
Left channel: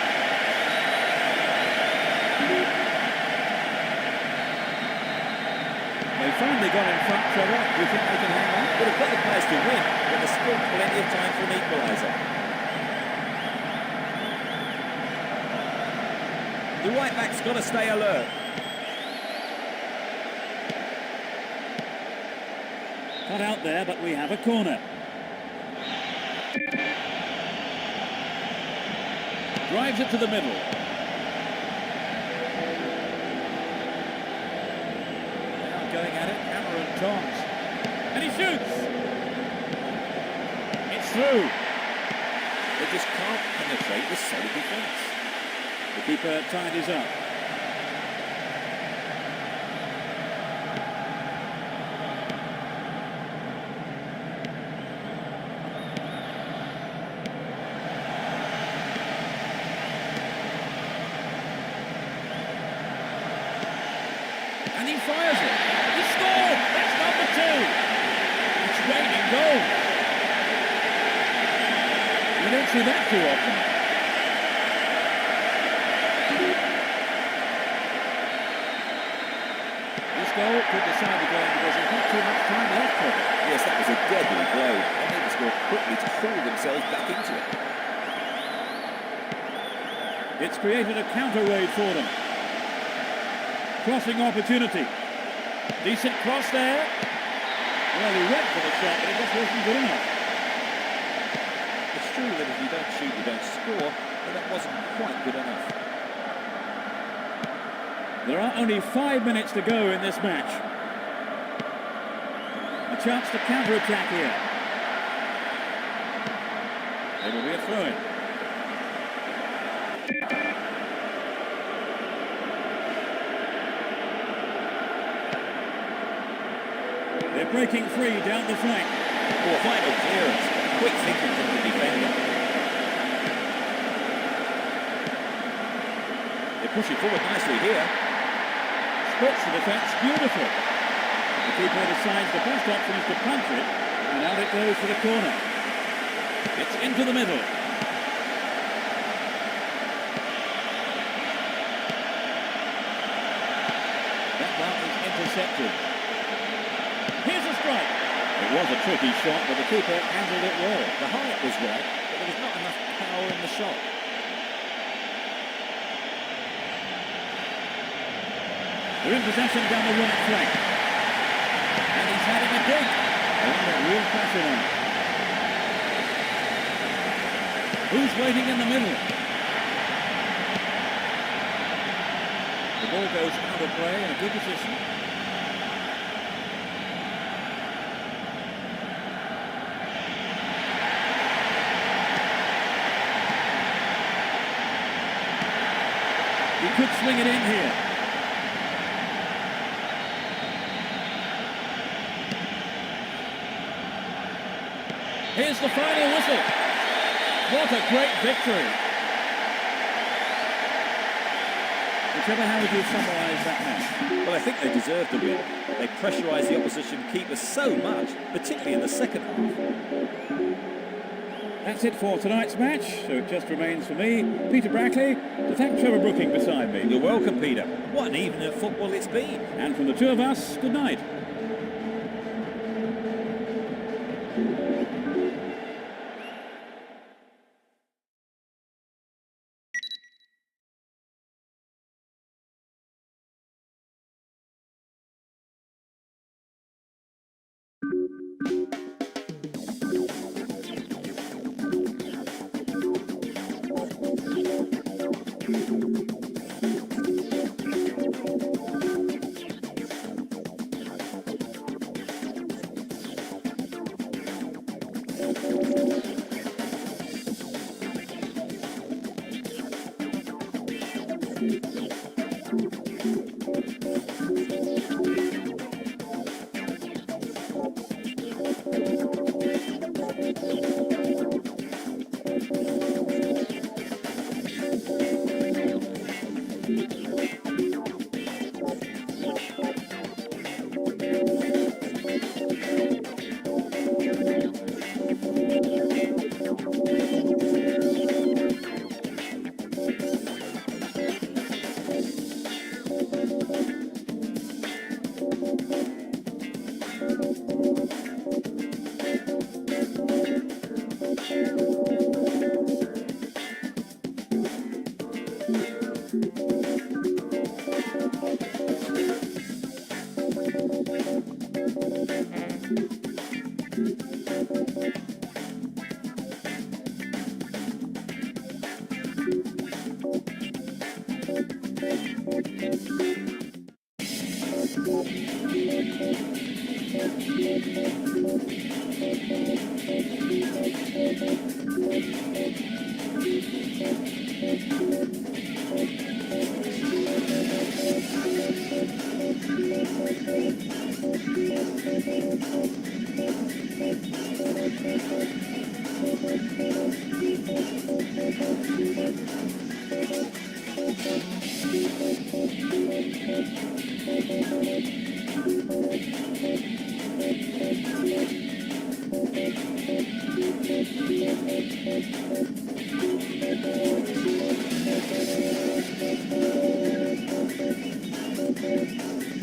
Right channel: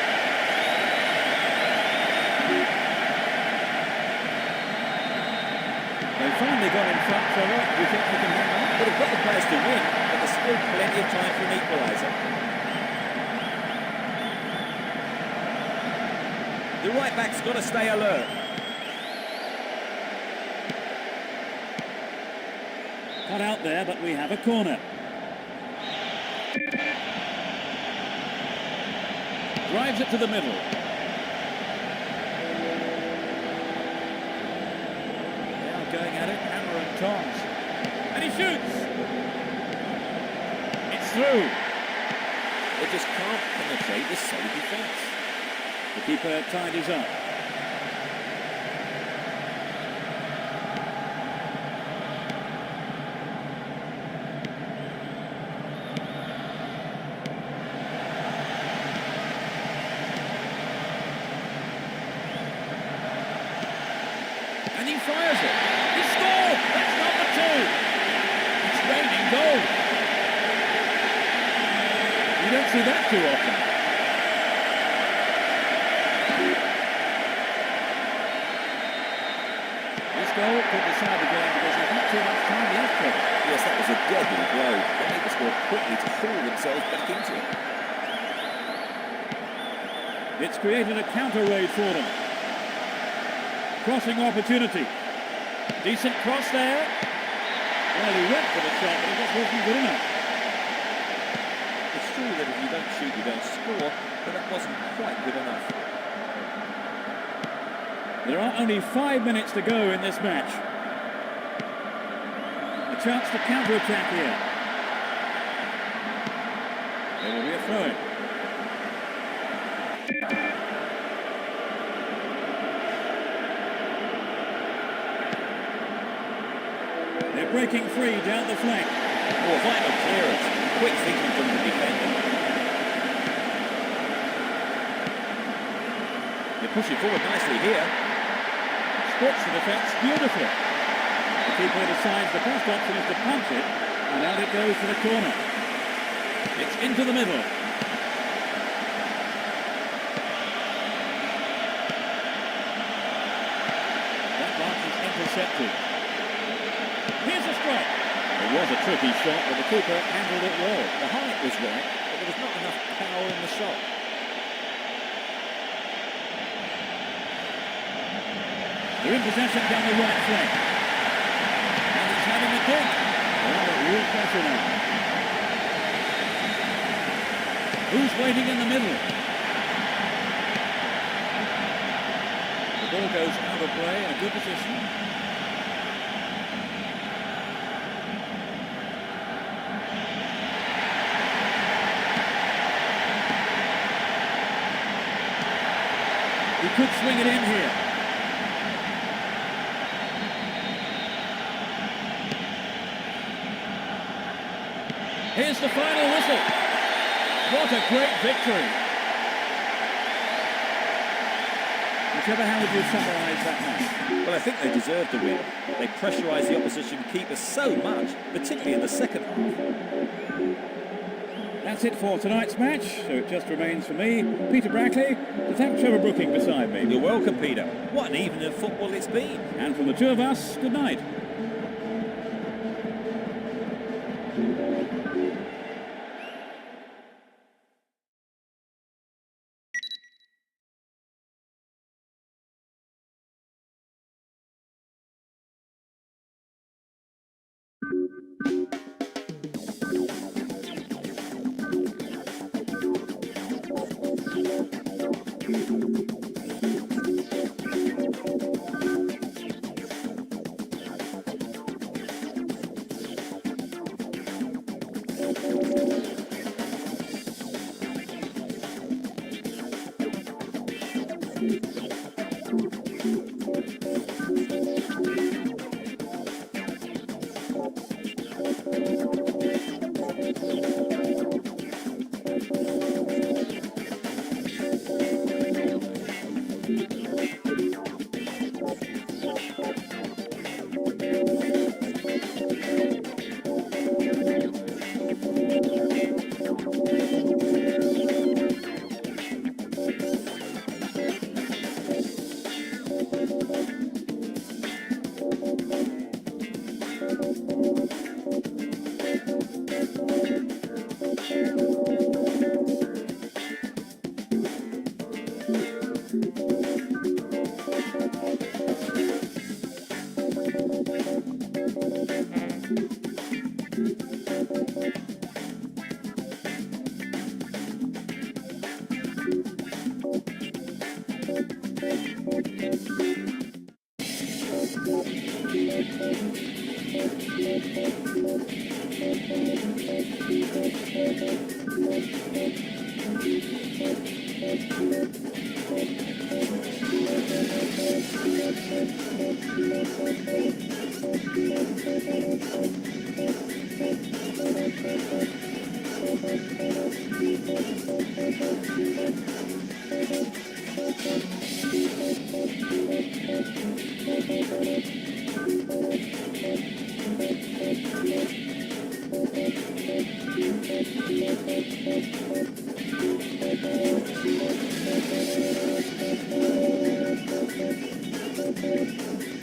They finally got in front, Trevor. Do you think they can hang on? Well, they've got the players to win, but there's still plenty of time for an equaliser. The right back's got to stay alert. Cut out there, but we have a corner. Drives it to the middle. They are going at it, hammer and tongs. And he shoots! It's through. They just can't penetrate this solid defence. The keeper tidies up. And he fires it. He scored! That's number 2. It's raining goals. You don't see that too often. This goal could decide the game because there's not too much time left for them. Yes, that was a deadly blow. They need to score quickly to haul themselves back into it. It's created a counter raid for them. Crossing opportunity. Decent cross there. Well, he went for the shot, but it just wasn't good enough. It's true that if you don't shoot, you don't score, but that wasn't quite good enough. There are only 5 minutes to go in this match. A chance to counter-attack here. There will be a throw-in. They're breaking free down the flank. Oh, vital clearance. Quick thinking from the defender. They're pushing forward nicely here. Splits the defence beautifully. The keeper decides the best option is to punch it, and out it goes for the corner. It's into the middle. That one is intercepted. Here's a strike. It was a tricky shot, but the keeper handled it well. The height was right, but there was not enough power in the shot. They're in possession down the right flank. And he's having a dig. They're under real pressure now. Who's waiting in the middle? The ball goes out of play in a good position. He could swing it in here. Here's the final whistle. What a great victory. Whichever, how would you summarise that match? Well, I think they deserved the win. They pressurised the opposition keeper so much, particularly in the second half. That's it for tonight's match, so it just remains for me, Peter Brackley, to thank Trevor Brooking beside me. You're welcome, Peter. What an evening of football it's been. And from the two of us, good night.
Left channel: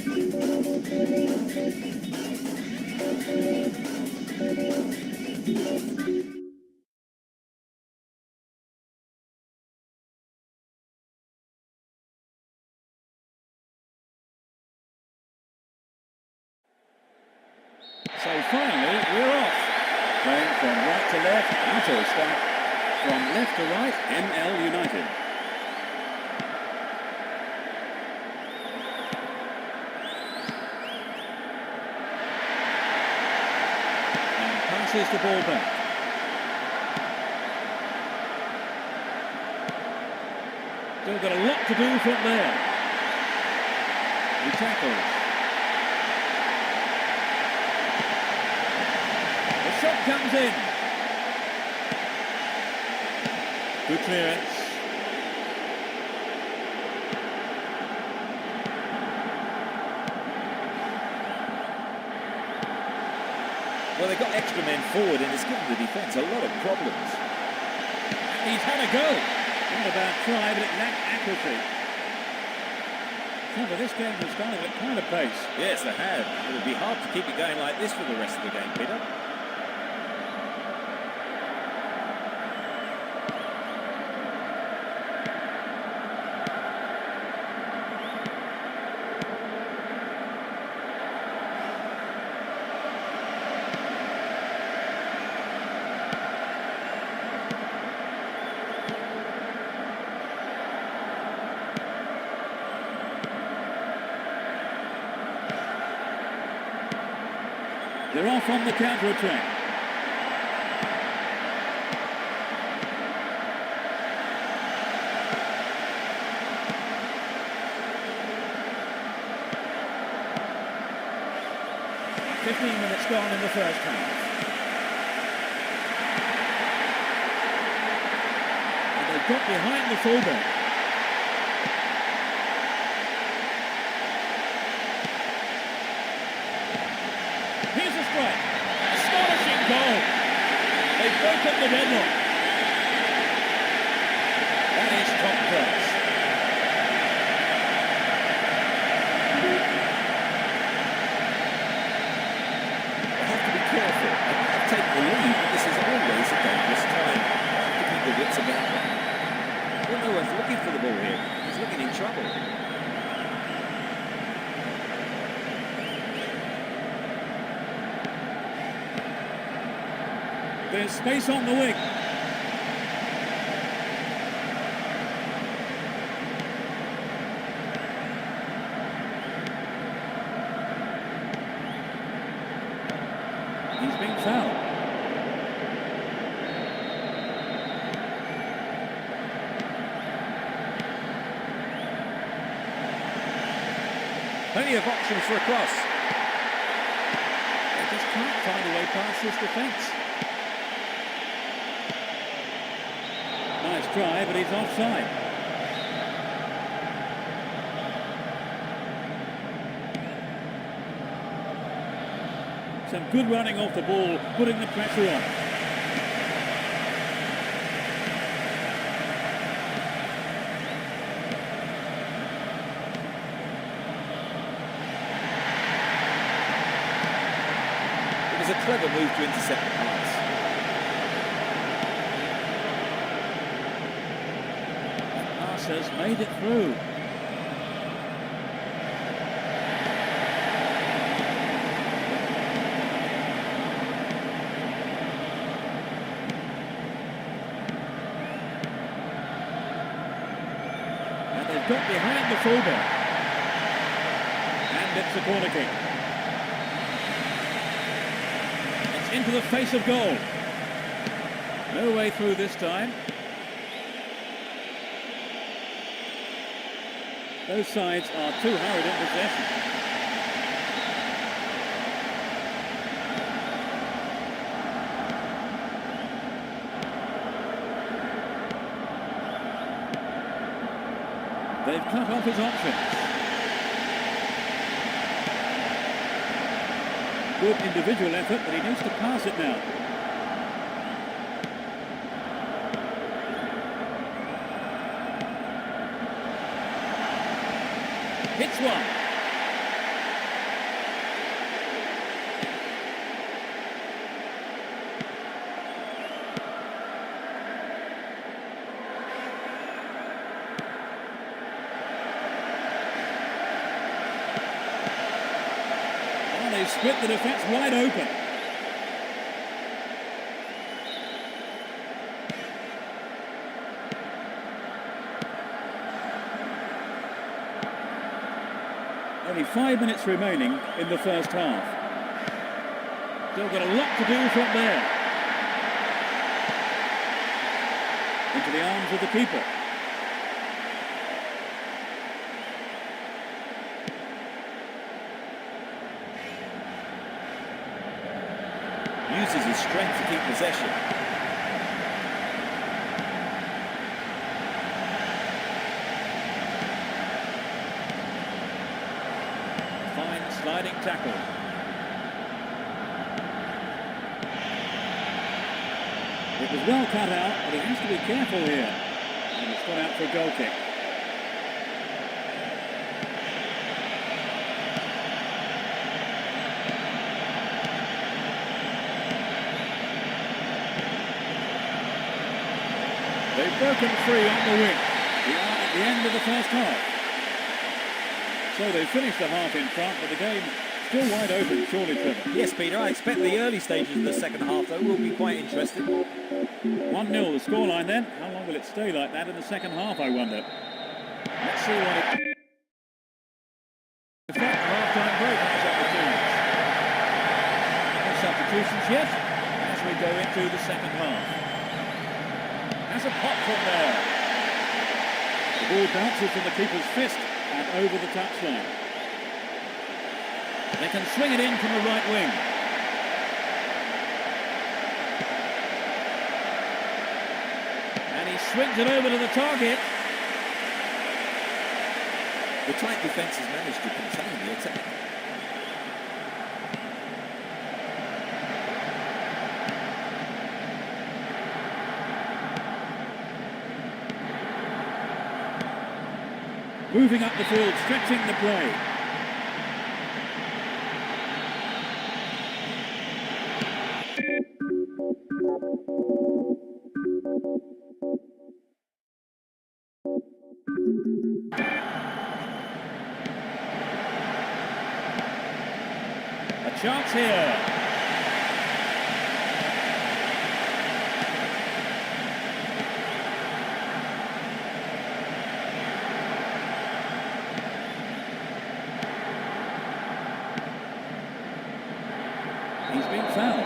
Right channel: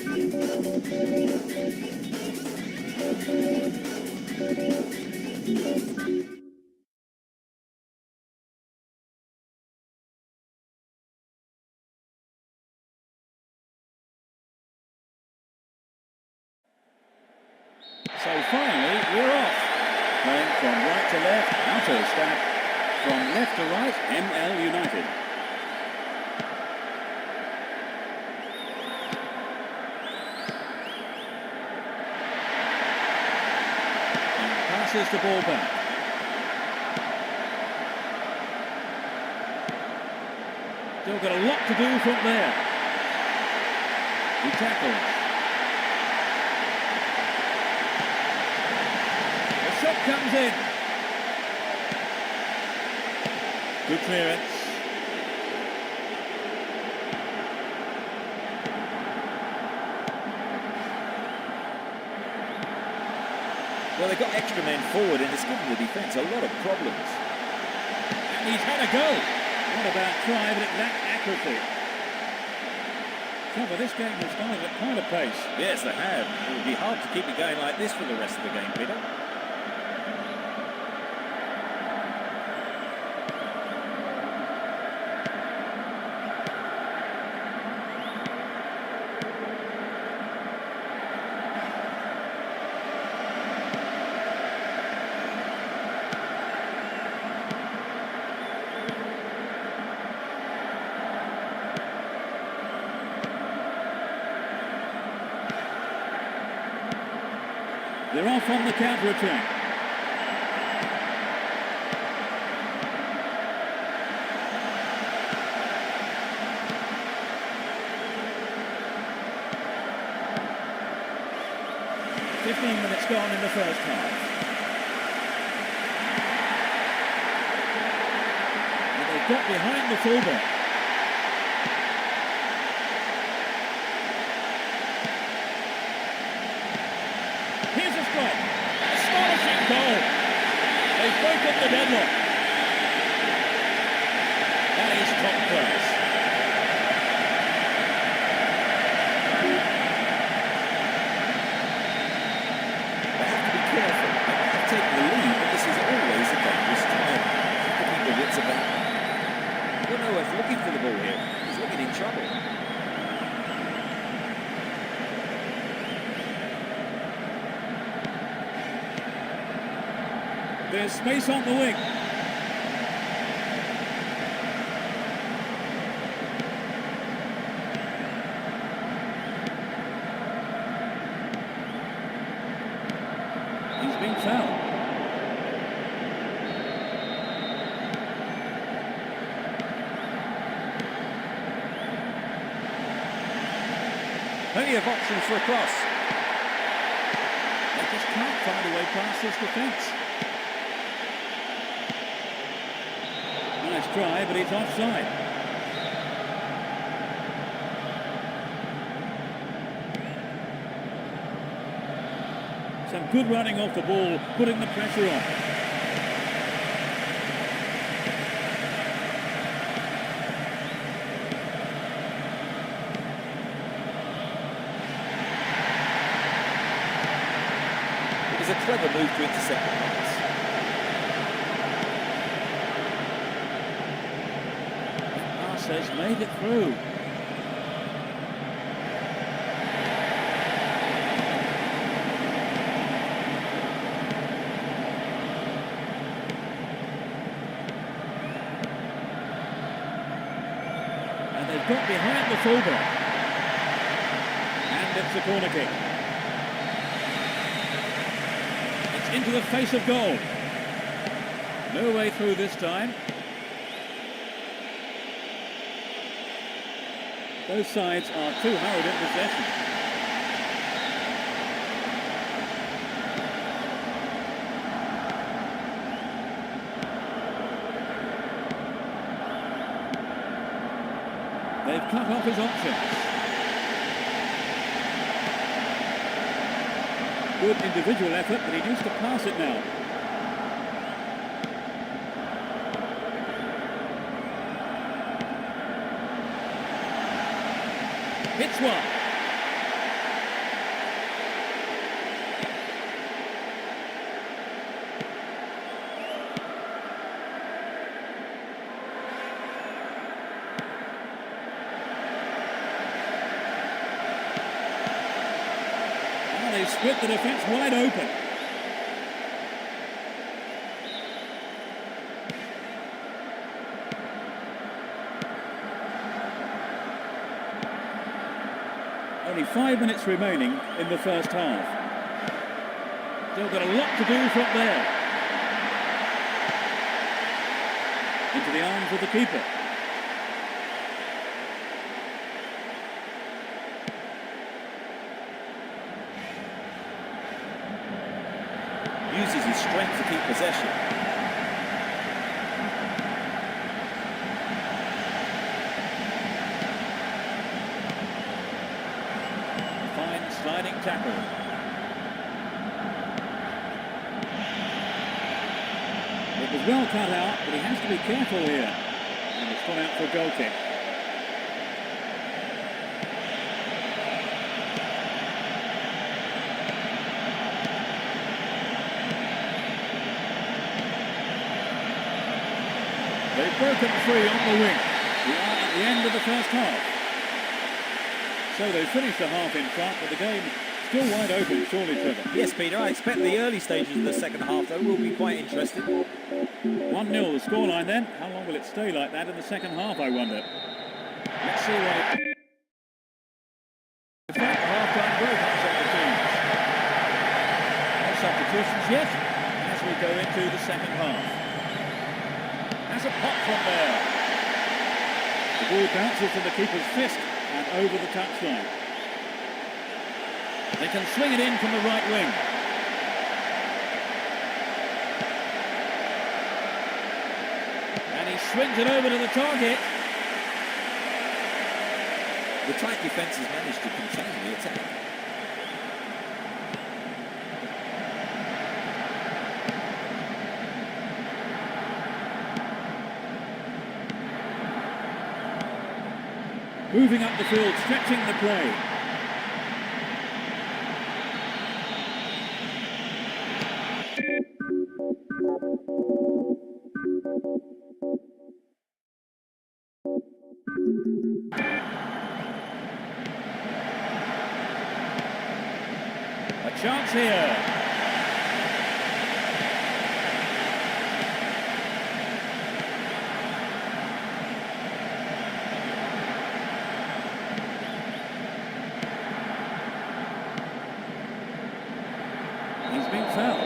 So finally, we're off. Playing from right to left, Autostat. From left to right, ML United. And passes the ball back. Still got a lot to do from there. He tackles. The shot comes in. Good clearance. Well, they've got extra men forward and it's given the defence a lot of problems. And he's had a go. Not a bad try, but it lacked accuracy. Trevor, this game has started at quite a pace. Yes, they have. It would be hard to keep it going like this for the rest of the game, Peter. They're off on the counter-attack. "15 minutes gone in the first half. And they've got behind the fullback. Here's a strike. Astonishing goal. They've broken the deadlock. That is top class. They have to be careful. They might have taken the lead, but this is always a dangerous time. They have to keep the wits about them. Well, no one's looking for the ball here. He's looking in trouble. There's space on the wing. He's been fouled. Plenty of options for a cross. They just can't find a way past this defence. Nice try, but he's offside. Some good running off the ball, putting the pressure on. It was a clever move to intercept the pass. That pass has made it through. And they've got behind the fullback. And it's a corner kick. It's into the face of goal. No way through this time. Both sides are too hurried in possession. They've cut off his options. Good individual effort, but he needs to pass it now. Hits one. they've split the defence wide open. Only 5 minutes remaining in the first half. Still got a lot to do from there. Into the arms of the keeper. Uses his strength to keep possession. A fine sliding tackle. It was well cut out, but he has to be careful here. And it's gone out for a goal kick. They've broken free on the wing. We are at the end of the first half. So they've finished the half in front, but the game still wide open, surely, Trevor. Yes, Peter, I expect the early stages of the second half, though, will be quite interesting. 1-0 the scoreline then. How long will it stay like that in the second half, I wonder? Let's see what it... effect the half-time break has on the teams. No substitutions yet, as we go into the second half. Has a pop from there. The ball bounces from the keeper's fist and over the touchline. They can swing it in from the right wing. And he swings it over to the target. The tight defence has managed to contain the attack. Moving up the field, stretching the play. A chance here. He's been fouled.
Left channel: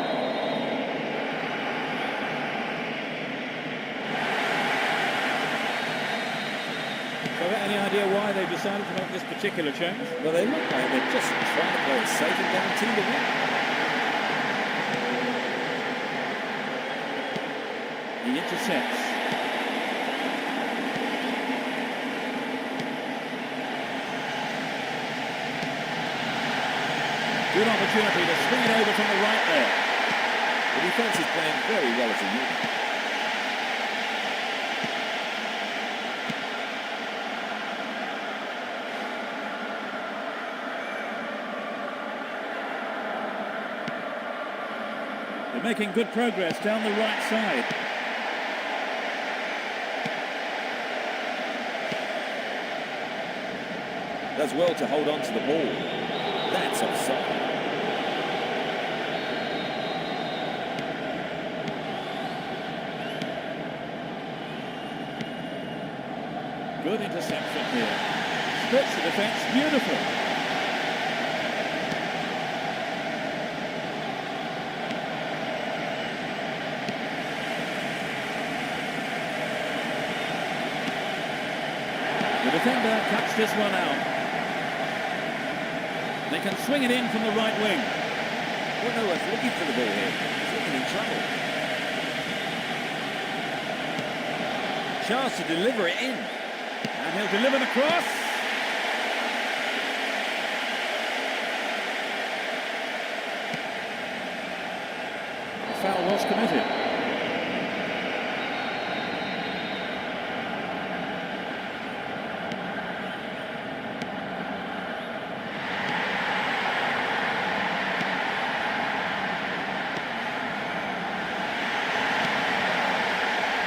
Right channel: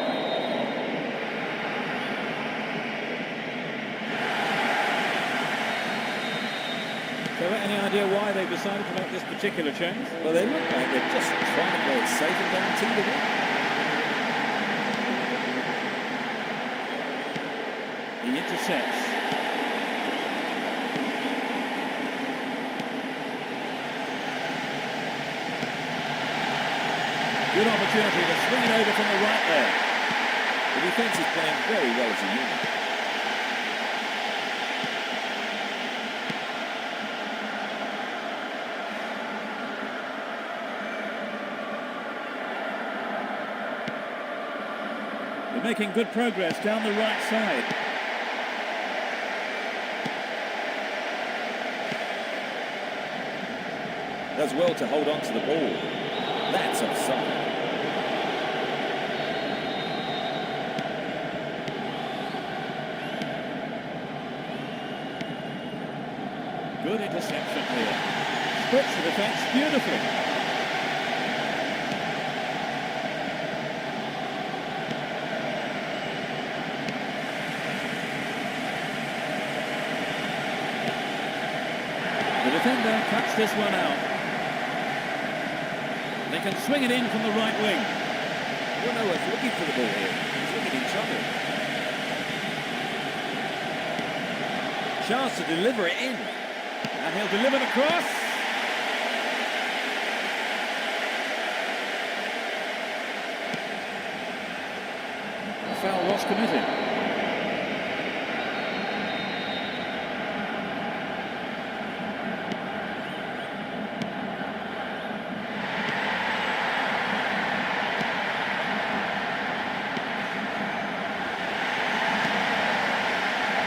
So, any idea why they've decided to make this particular change? Well, they look like they're just trying to play it safe and guarantee the win. He intercepts. Good opportunity to swing it over from the right there. The defence is playing very well as a unit. They're making good progress down the right side. Does well to hold on to the ball. That's offside. Good interception here. Splits the defence beautifully. The defender cuts this one out. They can swing it in from the right wing. Well, no one's looking for the ball here. He's looking in trouble. Chance to deliver it in. And he'll deliver the cross. The foul was committed.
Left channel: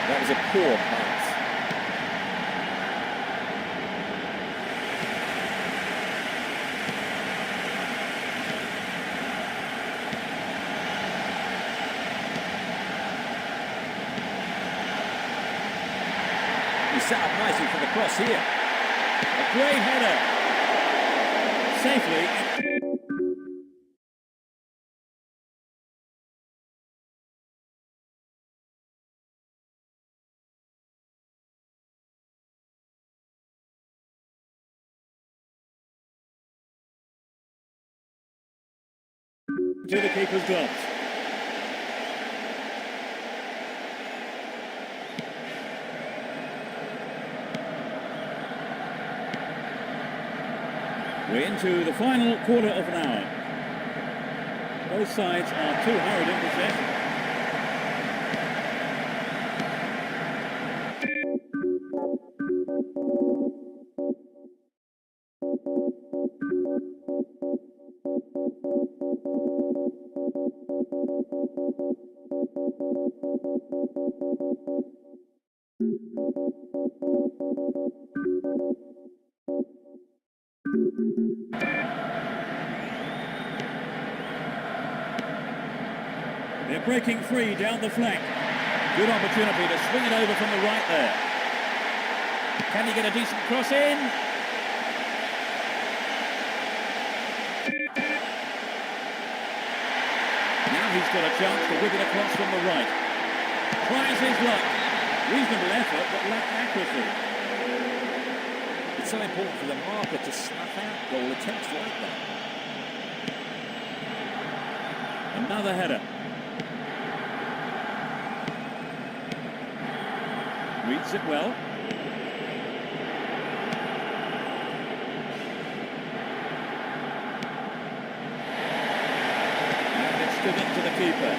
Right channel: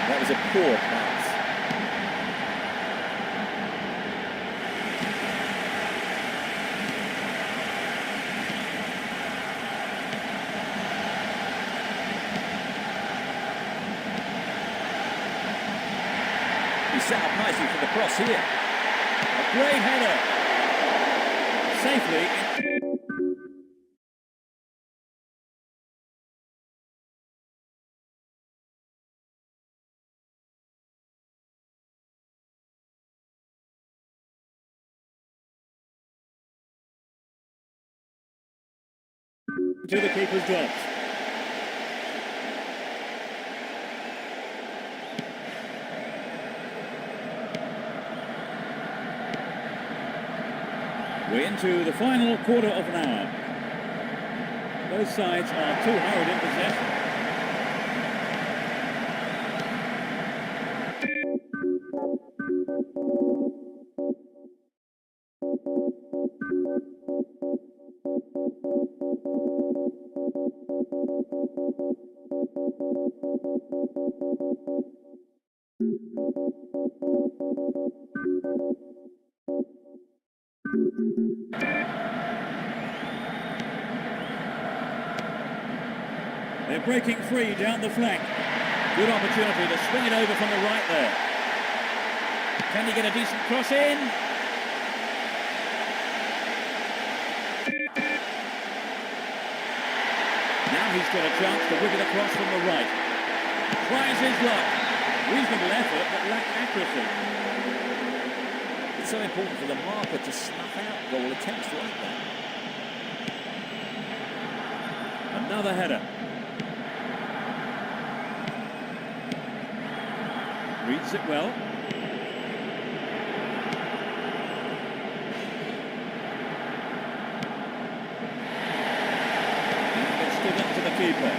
That was a poor pass. He's set up nicely for the cross here. A great header. Safely. To the keeper's gloves. We're into the final quarter of an hour. Both sides are too hurried in possession. They're breaking free down the flank. Good opportunity to swing it over from the right there. Can he get a decent cross in? Now he's got a chance to whip it across from the right. Tries his luck. Reasonable effort, but lacked accuracy. It's so important for the marker to snuff out goal attempts like that. Another header. Reads it well. And it's given to the keeper.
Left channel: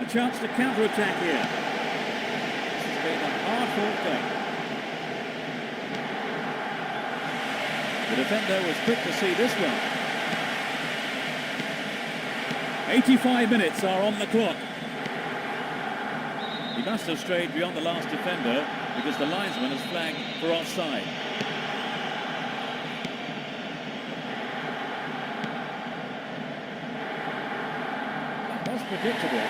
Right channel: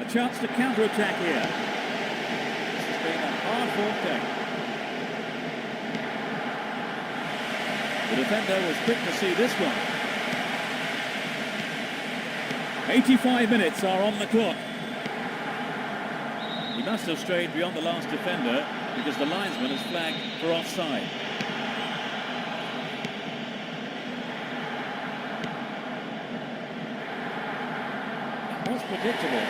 A chance to counter-attack here. This has been a hard-fought game. The defender was quick to see this one. 85 minutes are on the clock. He must have strayed beyond the last defender because the linesman has flagged for offside. That was predictable.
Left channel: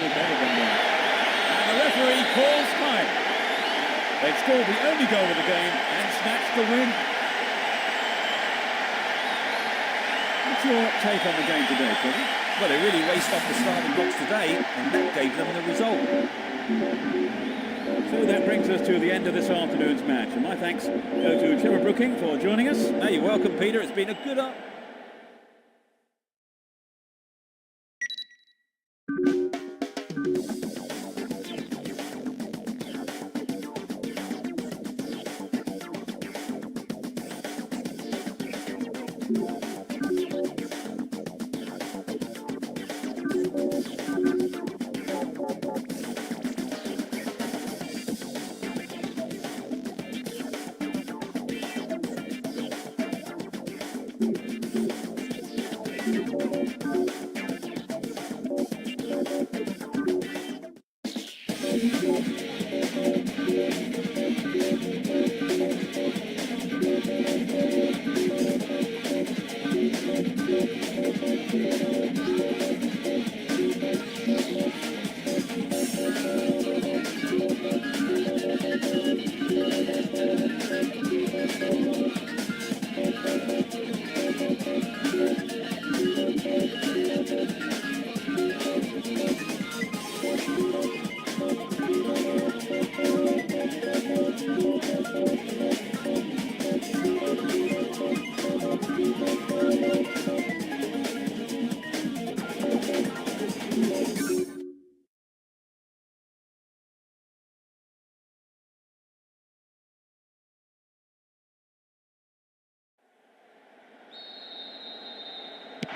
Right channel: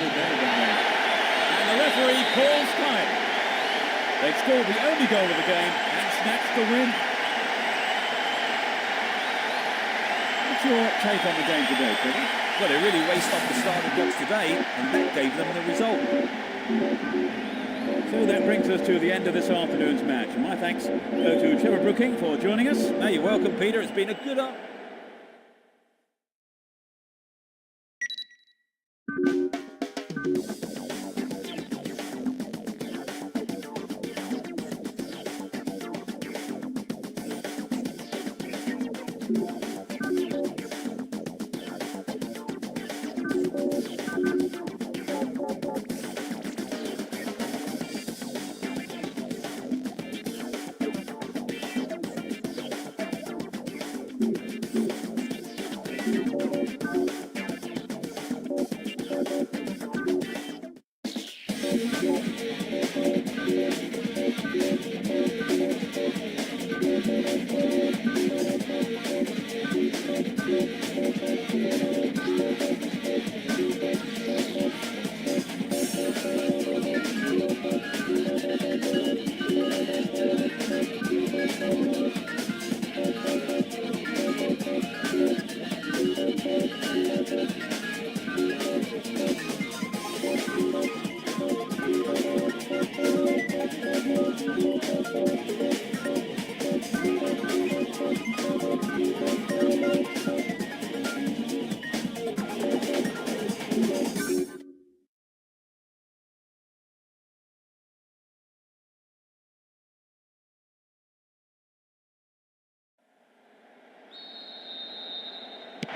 Do better than that. And the referee calls time. They've scored the only goal of the game and snatched the win. What's your take on the game today, Freddie? Well, they really raced off the starting blocks today, and that gave them the result. So that brings us to the end of this afternoon's match. And my thanks go to Trevor Brooking for joining us. No, you're welcome, Peter. It's been a good up.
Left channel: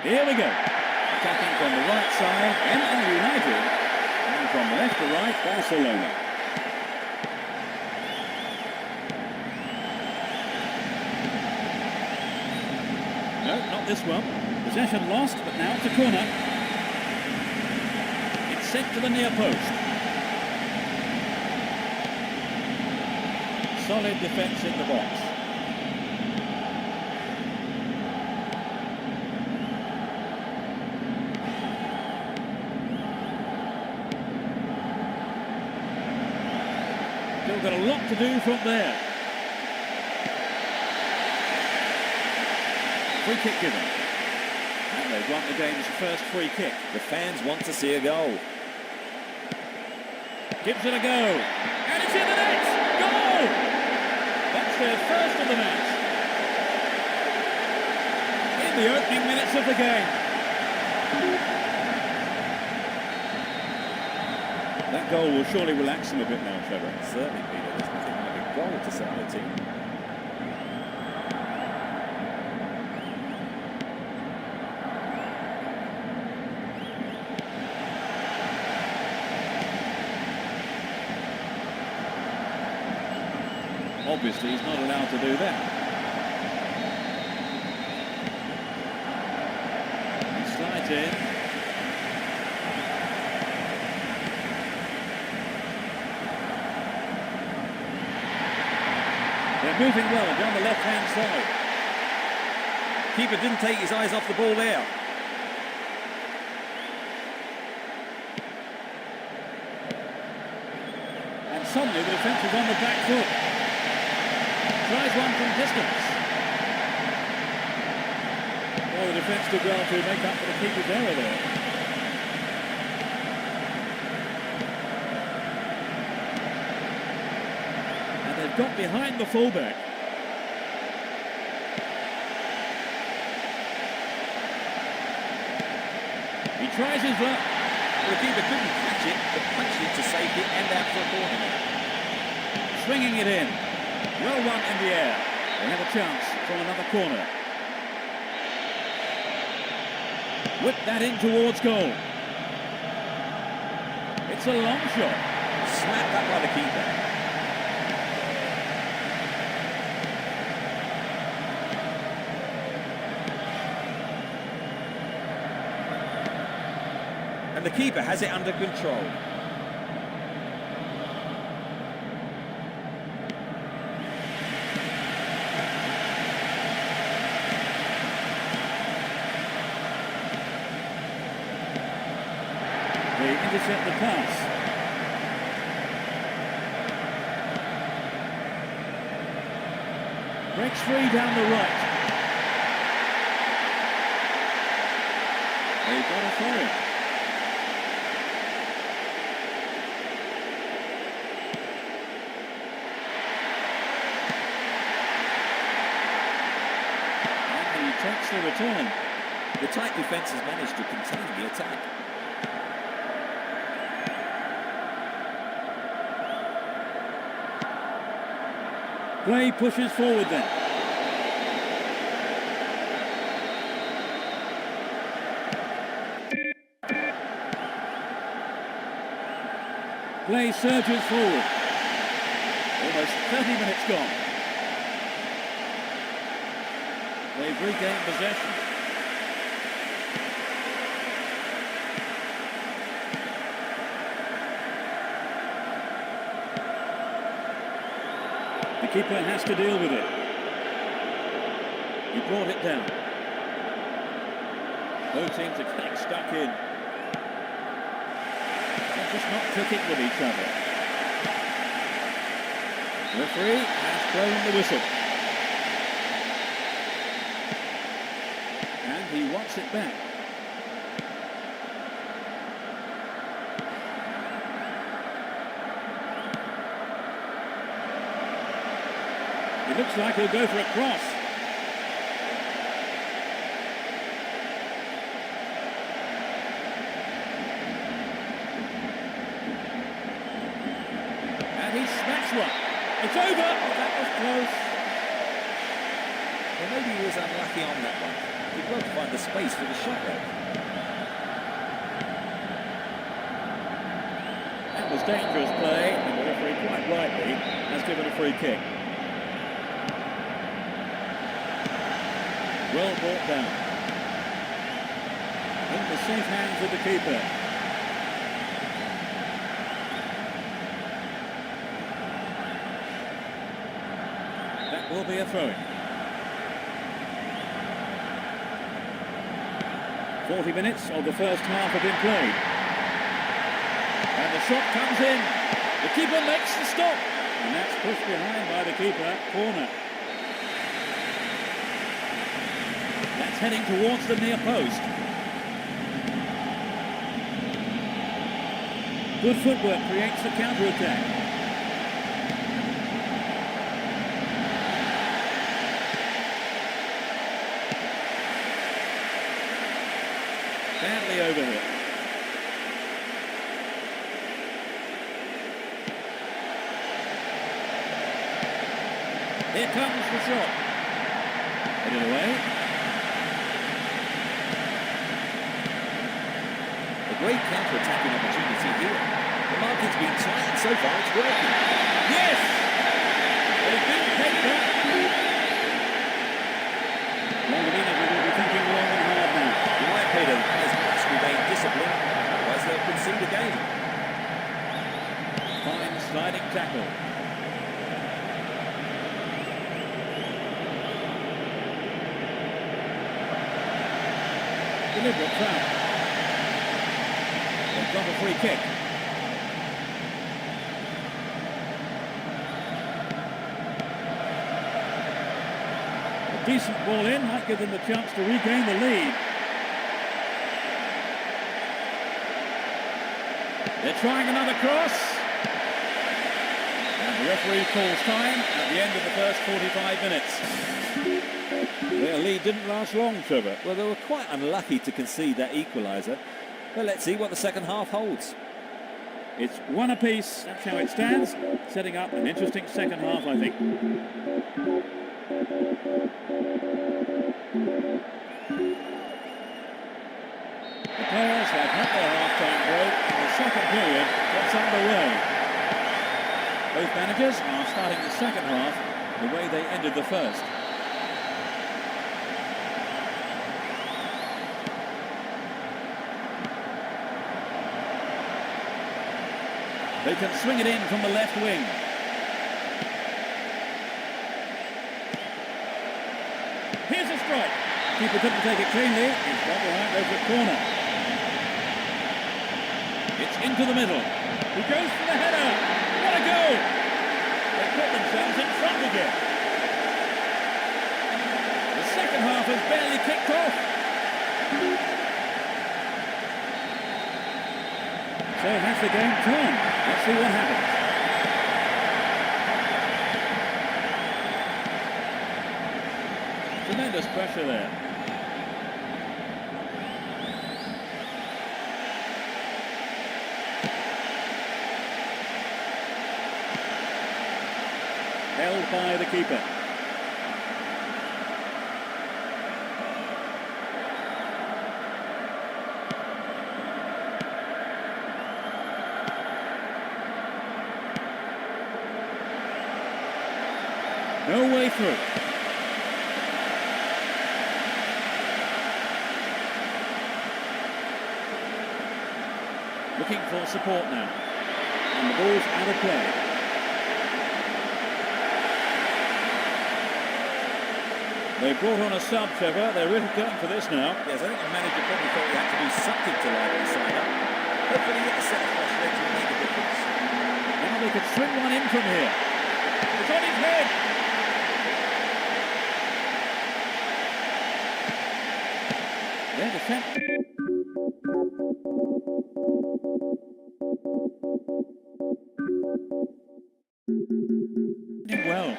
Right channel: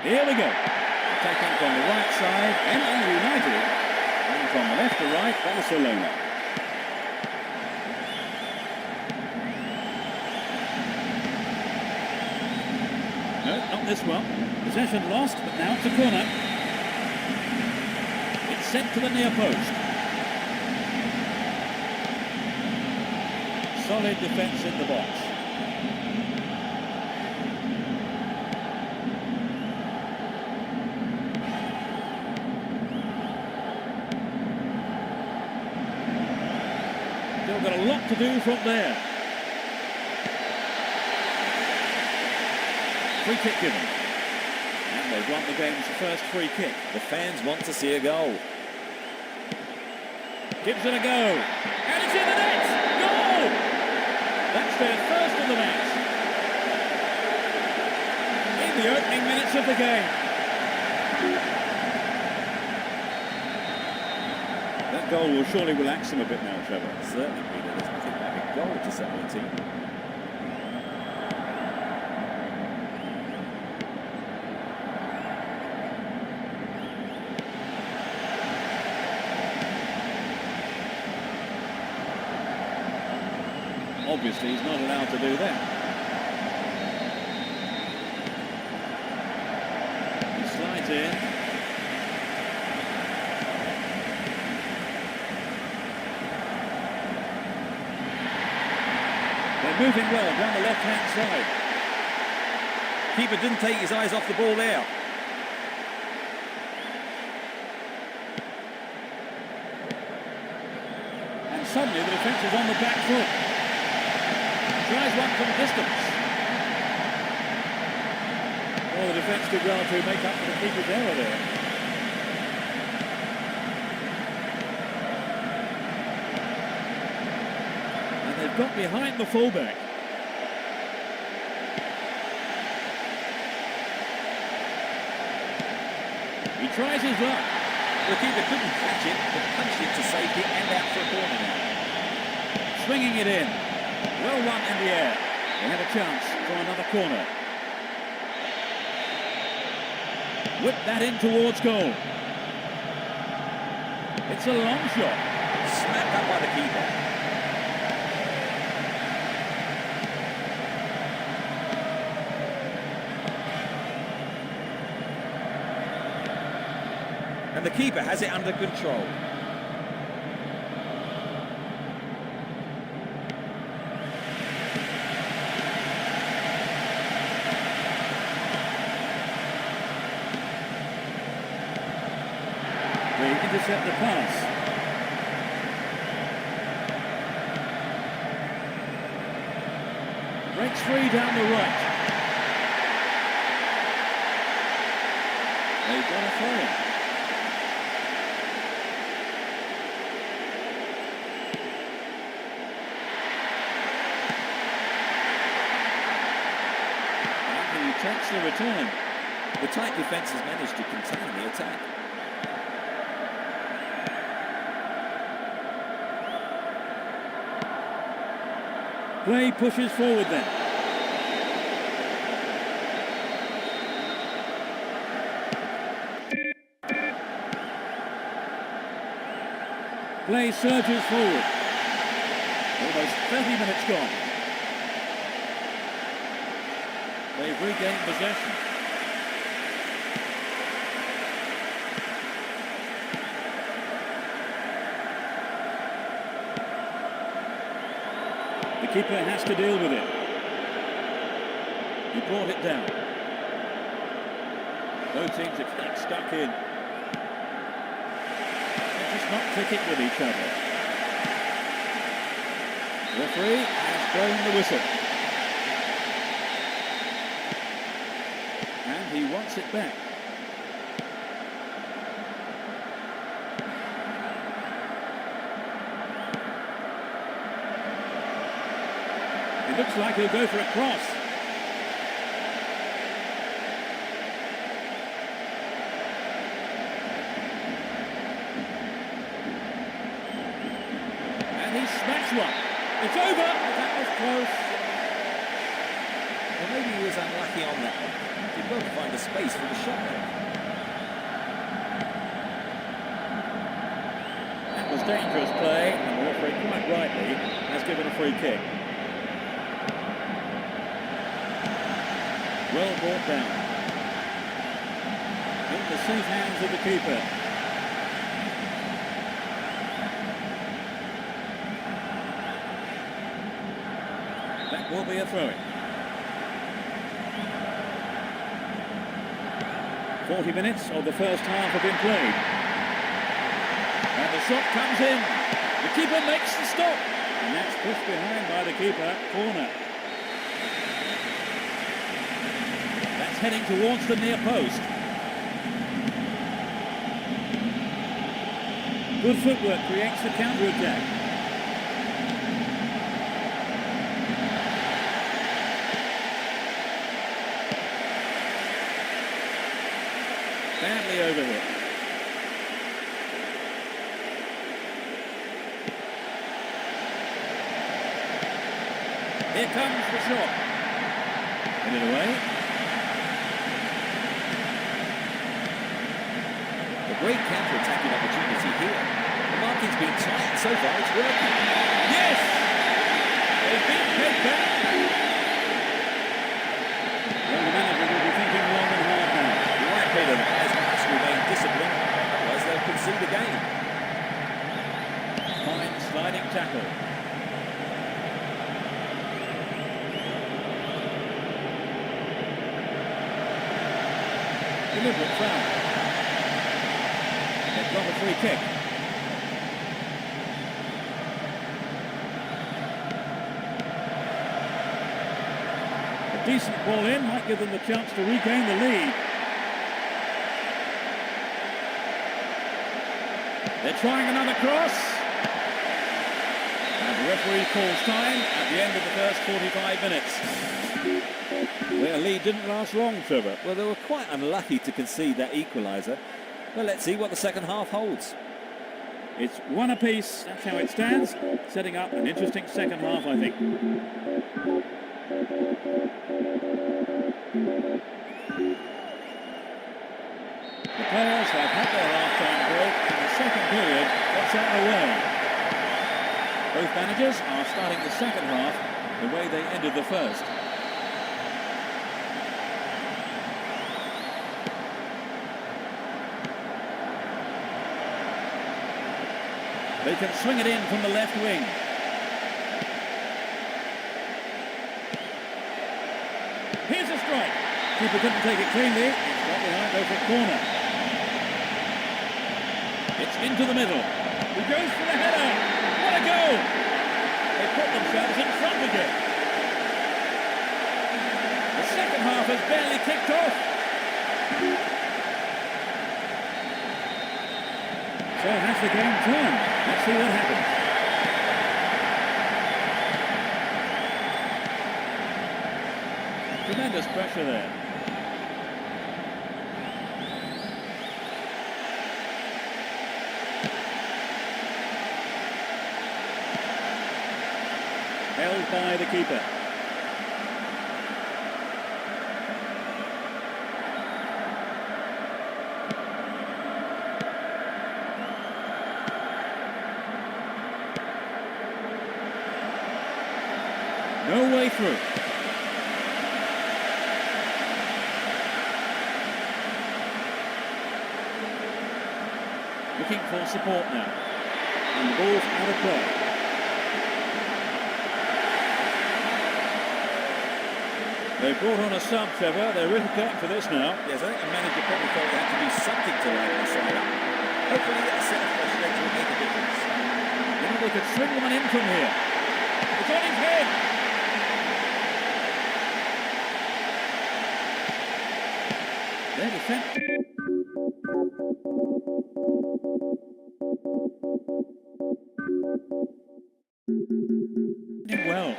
Here we go. Attacking from the right side, ML United, and from the left to right, Barcelona. No, not this one. Possession lost, but now it's a corner. It's sent to the near post. Solid defence in the box. Still got a lot to do from there. Free kick given. And they've won the game's first free kick. The fans want to see a goal. Gives it a go. And it's in the net! Goal! That's their first of the match. In the opening minutes of the game. That goal will surely relax them a bit now, Trevor. Certainly, Peter. There's nothing like a goal to settle a team. Obviously, he's not allowed to do that. He slides in. They're moving well down the left-hand side. Keeper didn't take his eyes off the ball there. And suddenly the defence is on the back foot. Tries one from distance. Well, the defence did well to make up for the keeper's error there. And they've got behind the fullback. He tries his luck. Well, the keeper couldn't catch it, but punched it to safety and out for a corner now. Swinging it in. Well won in the air. They have a chance for another corner. Whip that in towards goal. It's a long shot. Smacked up by the keeper. And the keeper has it under control. They intercept the pass. Breaks free down the right. They've got a throw-in. And he takes the return. The tight defence has managed to contain the attack. Play pushes forward then. Play surges forward. Almost 30 minutes gone. They've regained possession. The keeper has to deal with it. He brought it down. Both teams are getting stuck in. They're just not clicking with each other. The referee has blown the whistle. And he wants it back. It looks like he'll go for a cross. And he smacks one. It's over, but that was close. Well, maybe he was unlucky on that one. Did well to find the space for the shot though. dangerous play, and the referee quite rightly has given a free kick. Well brought down. In the safe hands of the keeper. That will be a throw-in. 40 minutes of the first half have been played. And the shot comes in. The keeper makes the stop. And that's pushed behind by the keeper. Corner. That's heading towards the near post. Good footwork creates the counter-attack. Badly overhit. Here comes the shot. Headed away. A great counter-attacking opportunity here. The marking's been tight and so far it's working. Yes! They've been pegged back. Well, the manager will be thinking long and hard now. You're right, Peter. The players must remain disciplined, otherwise they'll concede again. Fine sliding tackle. Deliberate foul. They've got a free kick. A decent ball in might give them the chance to regain the lead. They're trying another cross. And the referee calls time at the end of the first 45 minutes. Their lead didn't last long, Trevor. Well, they were quite unlucky to concede that equaliser. But let's see what the second half holds. It's one apiece, that's how it stands, setting up an interesting second half, I think. The players have had their half-time break and the second period gets underway. Both managers are starting the second half the way they ended the first. They can swing it in from the left wing. Here's a strike. Keeper couldn't take it cleanly. It's got behind over at corner. It's into the middle. He goes for the header. What a goal! They put themselves in front again. The second half has barely kicked off. So has the game turned. Let's see what happens. Tremendous pressure there. Held by the keeper. No way through. Looking for support now. And the ball's out of play. They brought on a sub, Trevor. They're really going for this now. Yes, I think the manager probably thought he had to do something to liven the side up. Hopefully a set of fresh legs will make a difference. Now they could swing one in from here. It's on his head. Their defense. Well.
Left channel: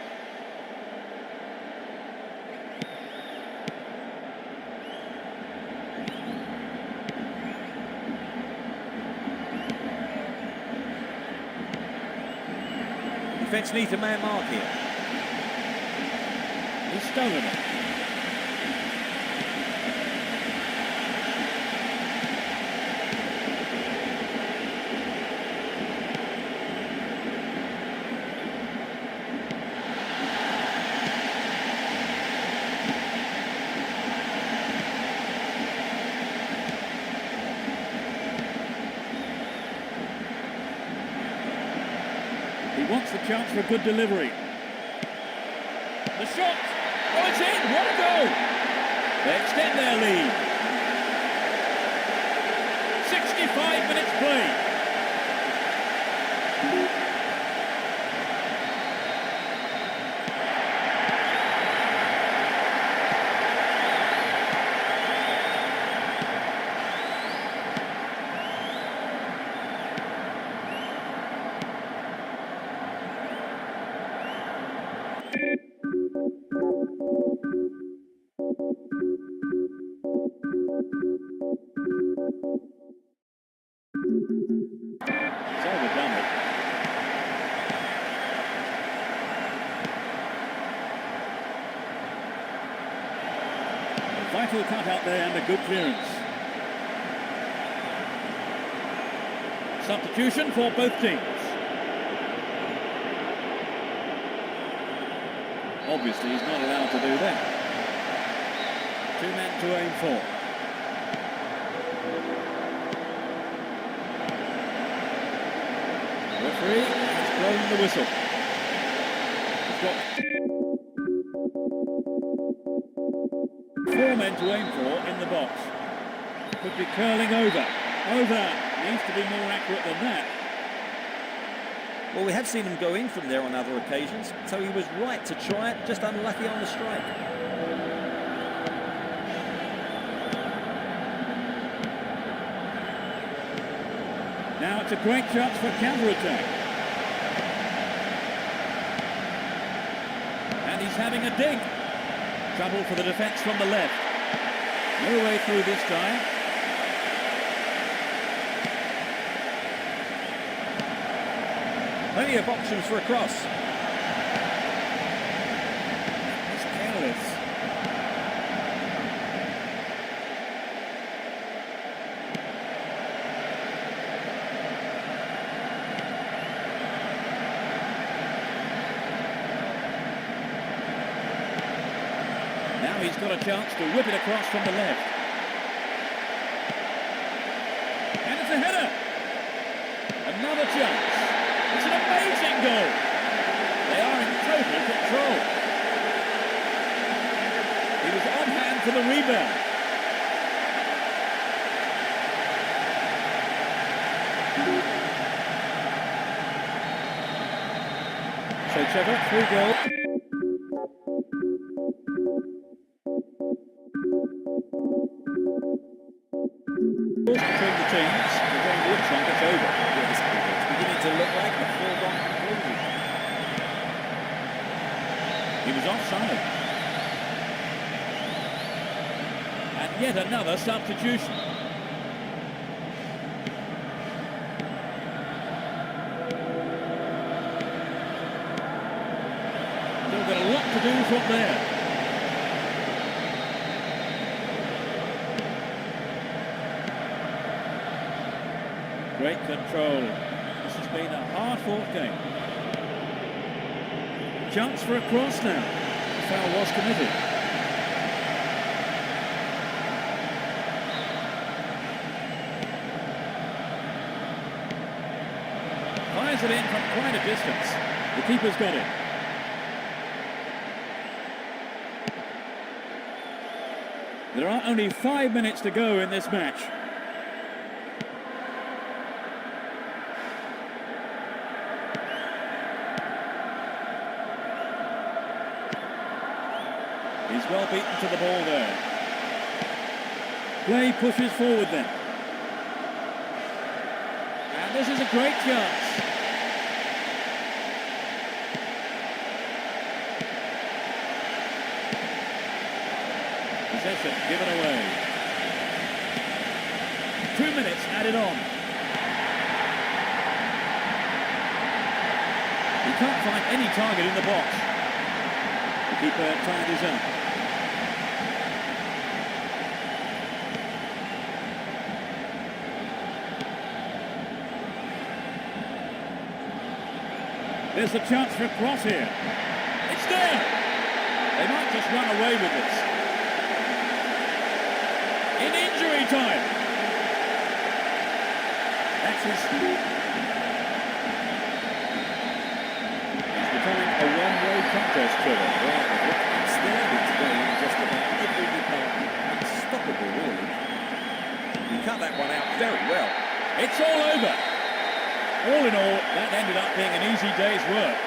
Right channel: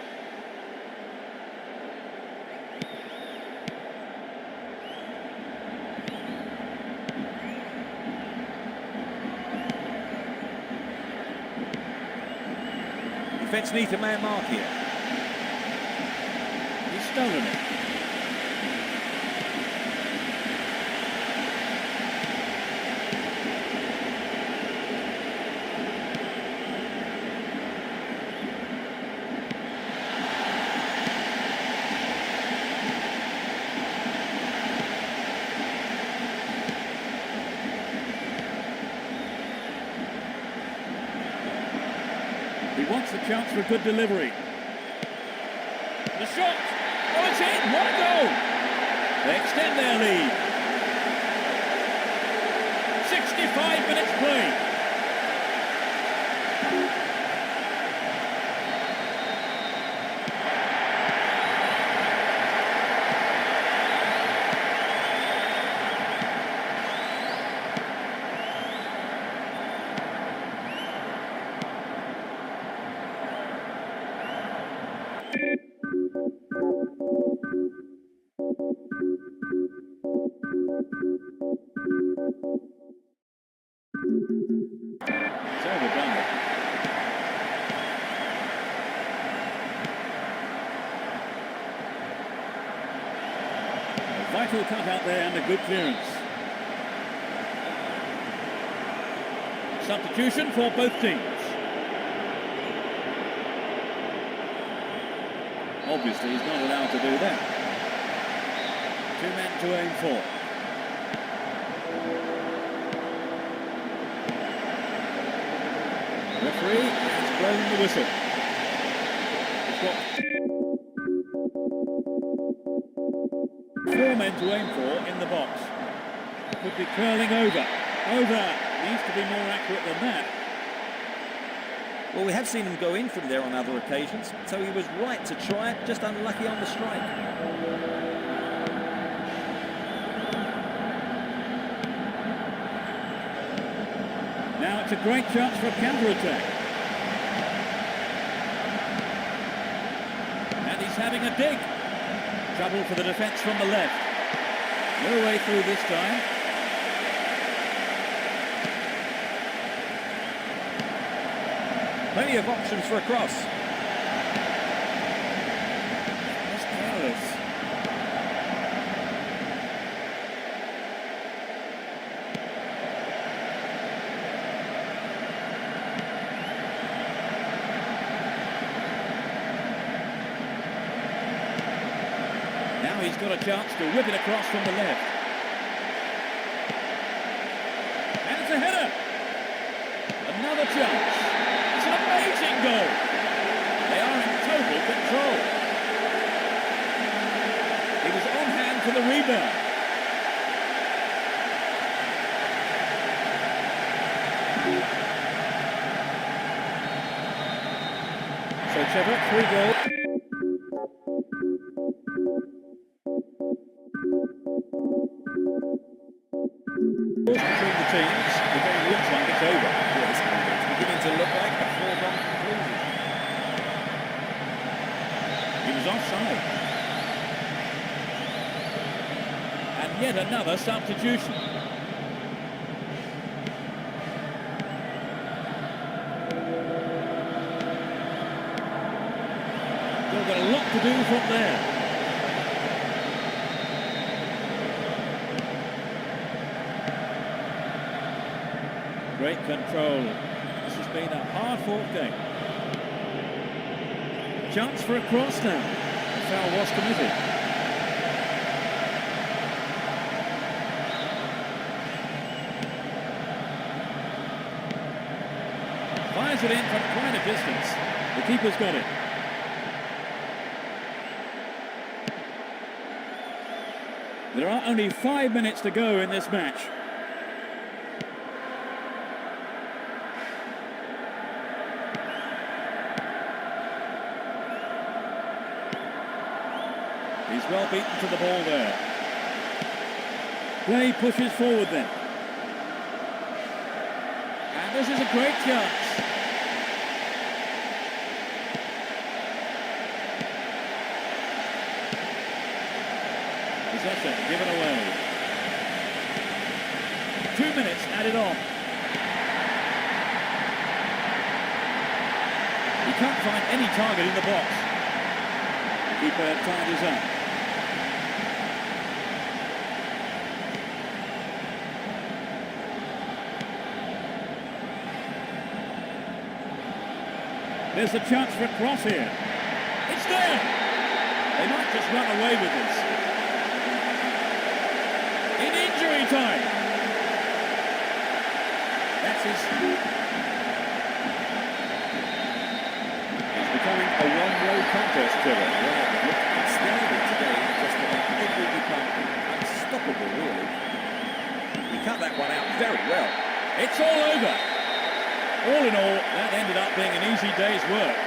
Defence needs a man mark here. He's stolen it. wants the chance for a good delivery. The shot! Oh, it's in! What a goal! They extend their lead. 65 minutes played. It's overdone it. A vital cut out there and a good clearance. Substitution for both teams. Obviously, he's not allowed to do that. 2 men to aim for. The referee has blown the whistle. We've got 4 men to aim for in the box. Could be curling over. Over. Needs to be more accurate than that. Well, we have seen him go in from there on other occasions, so he was right to try it, just unlucky on the strike. Now it's a great chance for a counter-attack. And he's having a dig. Trouble for the defence from the left. No way through this time. Plenty of options for a cross. That was careless. Now he's got a chance to whip it across from the left. And it's a header. Another chance. It's an amazing goal. They are in total control. He was on hand for the rebound. So Trevor, 3 goals. Between the teams, the game looks like it's over. Yes, it's beginning to look like a foregone conclusion. He was offside. And yet another substitution. Still got a lot to do from there. Great control. This has been a hard-fought game. Chance for a cross now. The foul was committed. Fires it in from quite a distance. The keeper's got it. There are only 5 minutes to go in this match. He's well beaten to the ball there. Play pushes forward then. And this is a great chance. Possession given away. 2 minutes added on. He can't find any target in the box. The keeper tidies up. There's a chance for a cross here. It's there. They might just run away with this. In injury time. That's his... becoming a one-way contest, Trevor. Right, they've looked outstanding today in just about every department. Unstoppable, really. He cut that one out very well. It's all over. All in all, that ended up being an easy day's work.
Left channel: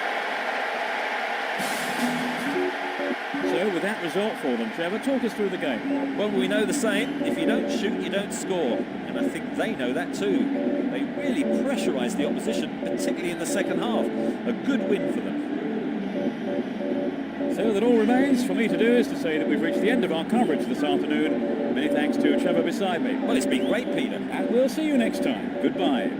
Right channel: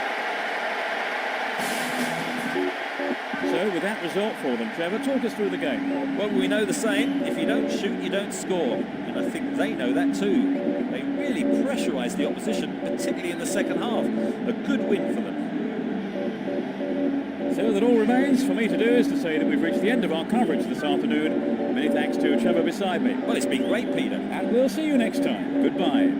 So, with that result for them, Trevor, talk us through the game. Well, we know the saying, if you don't shoot, you don't score. And I think they know that too. They really pressurised the opposition, particularly in the second half. A good win for them. So that all remains for me to do is to say that we've reached the end of our coverage this afternoon. Many thanks to Trevor beside me. Well, it's been great, Peter. And we'll see you next time. Goodbye.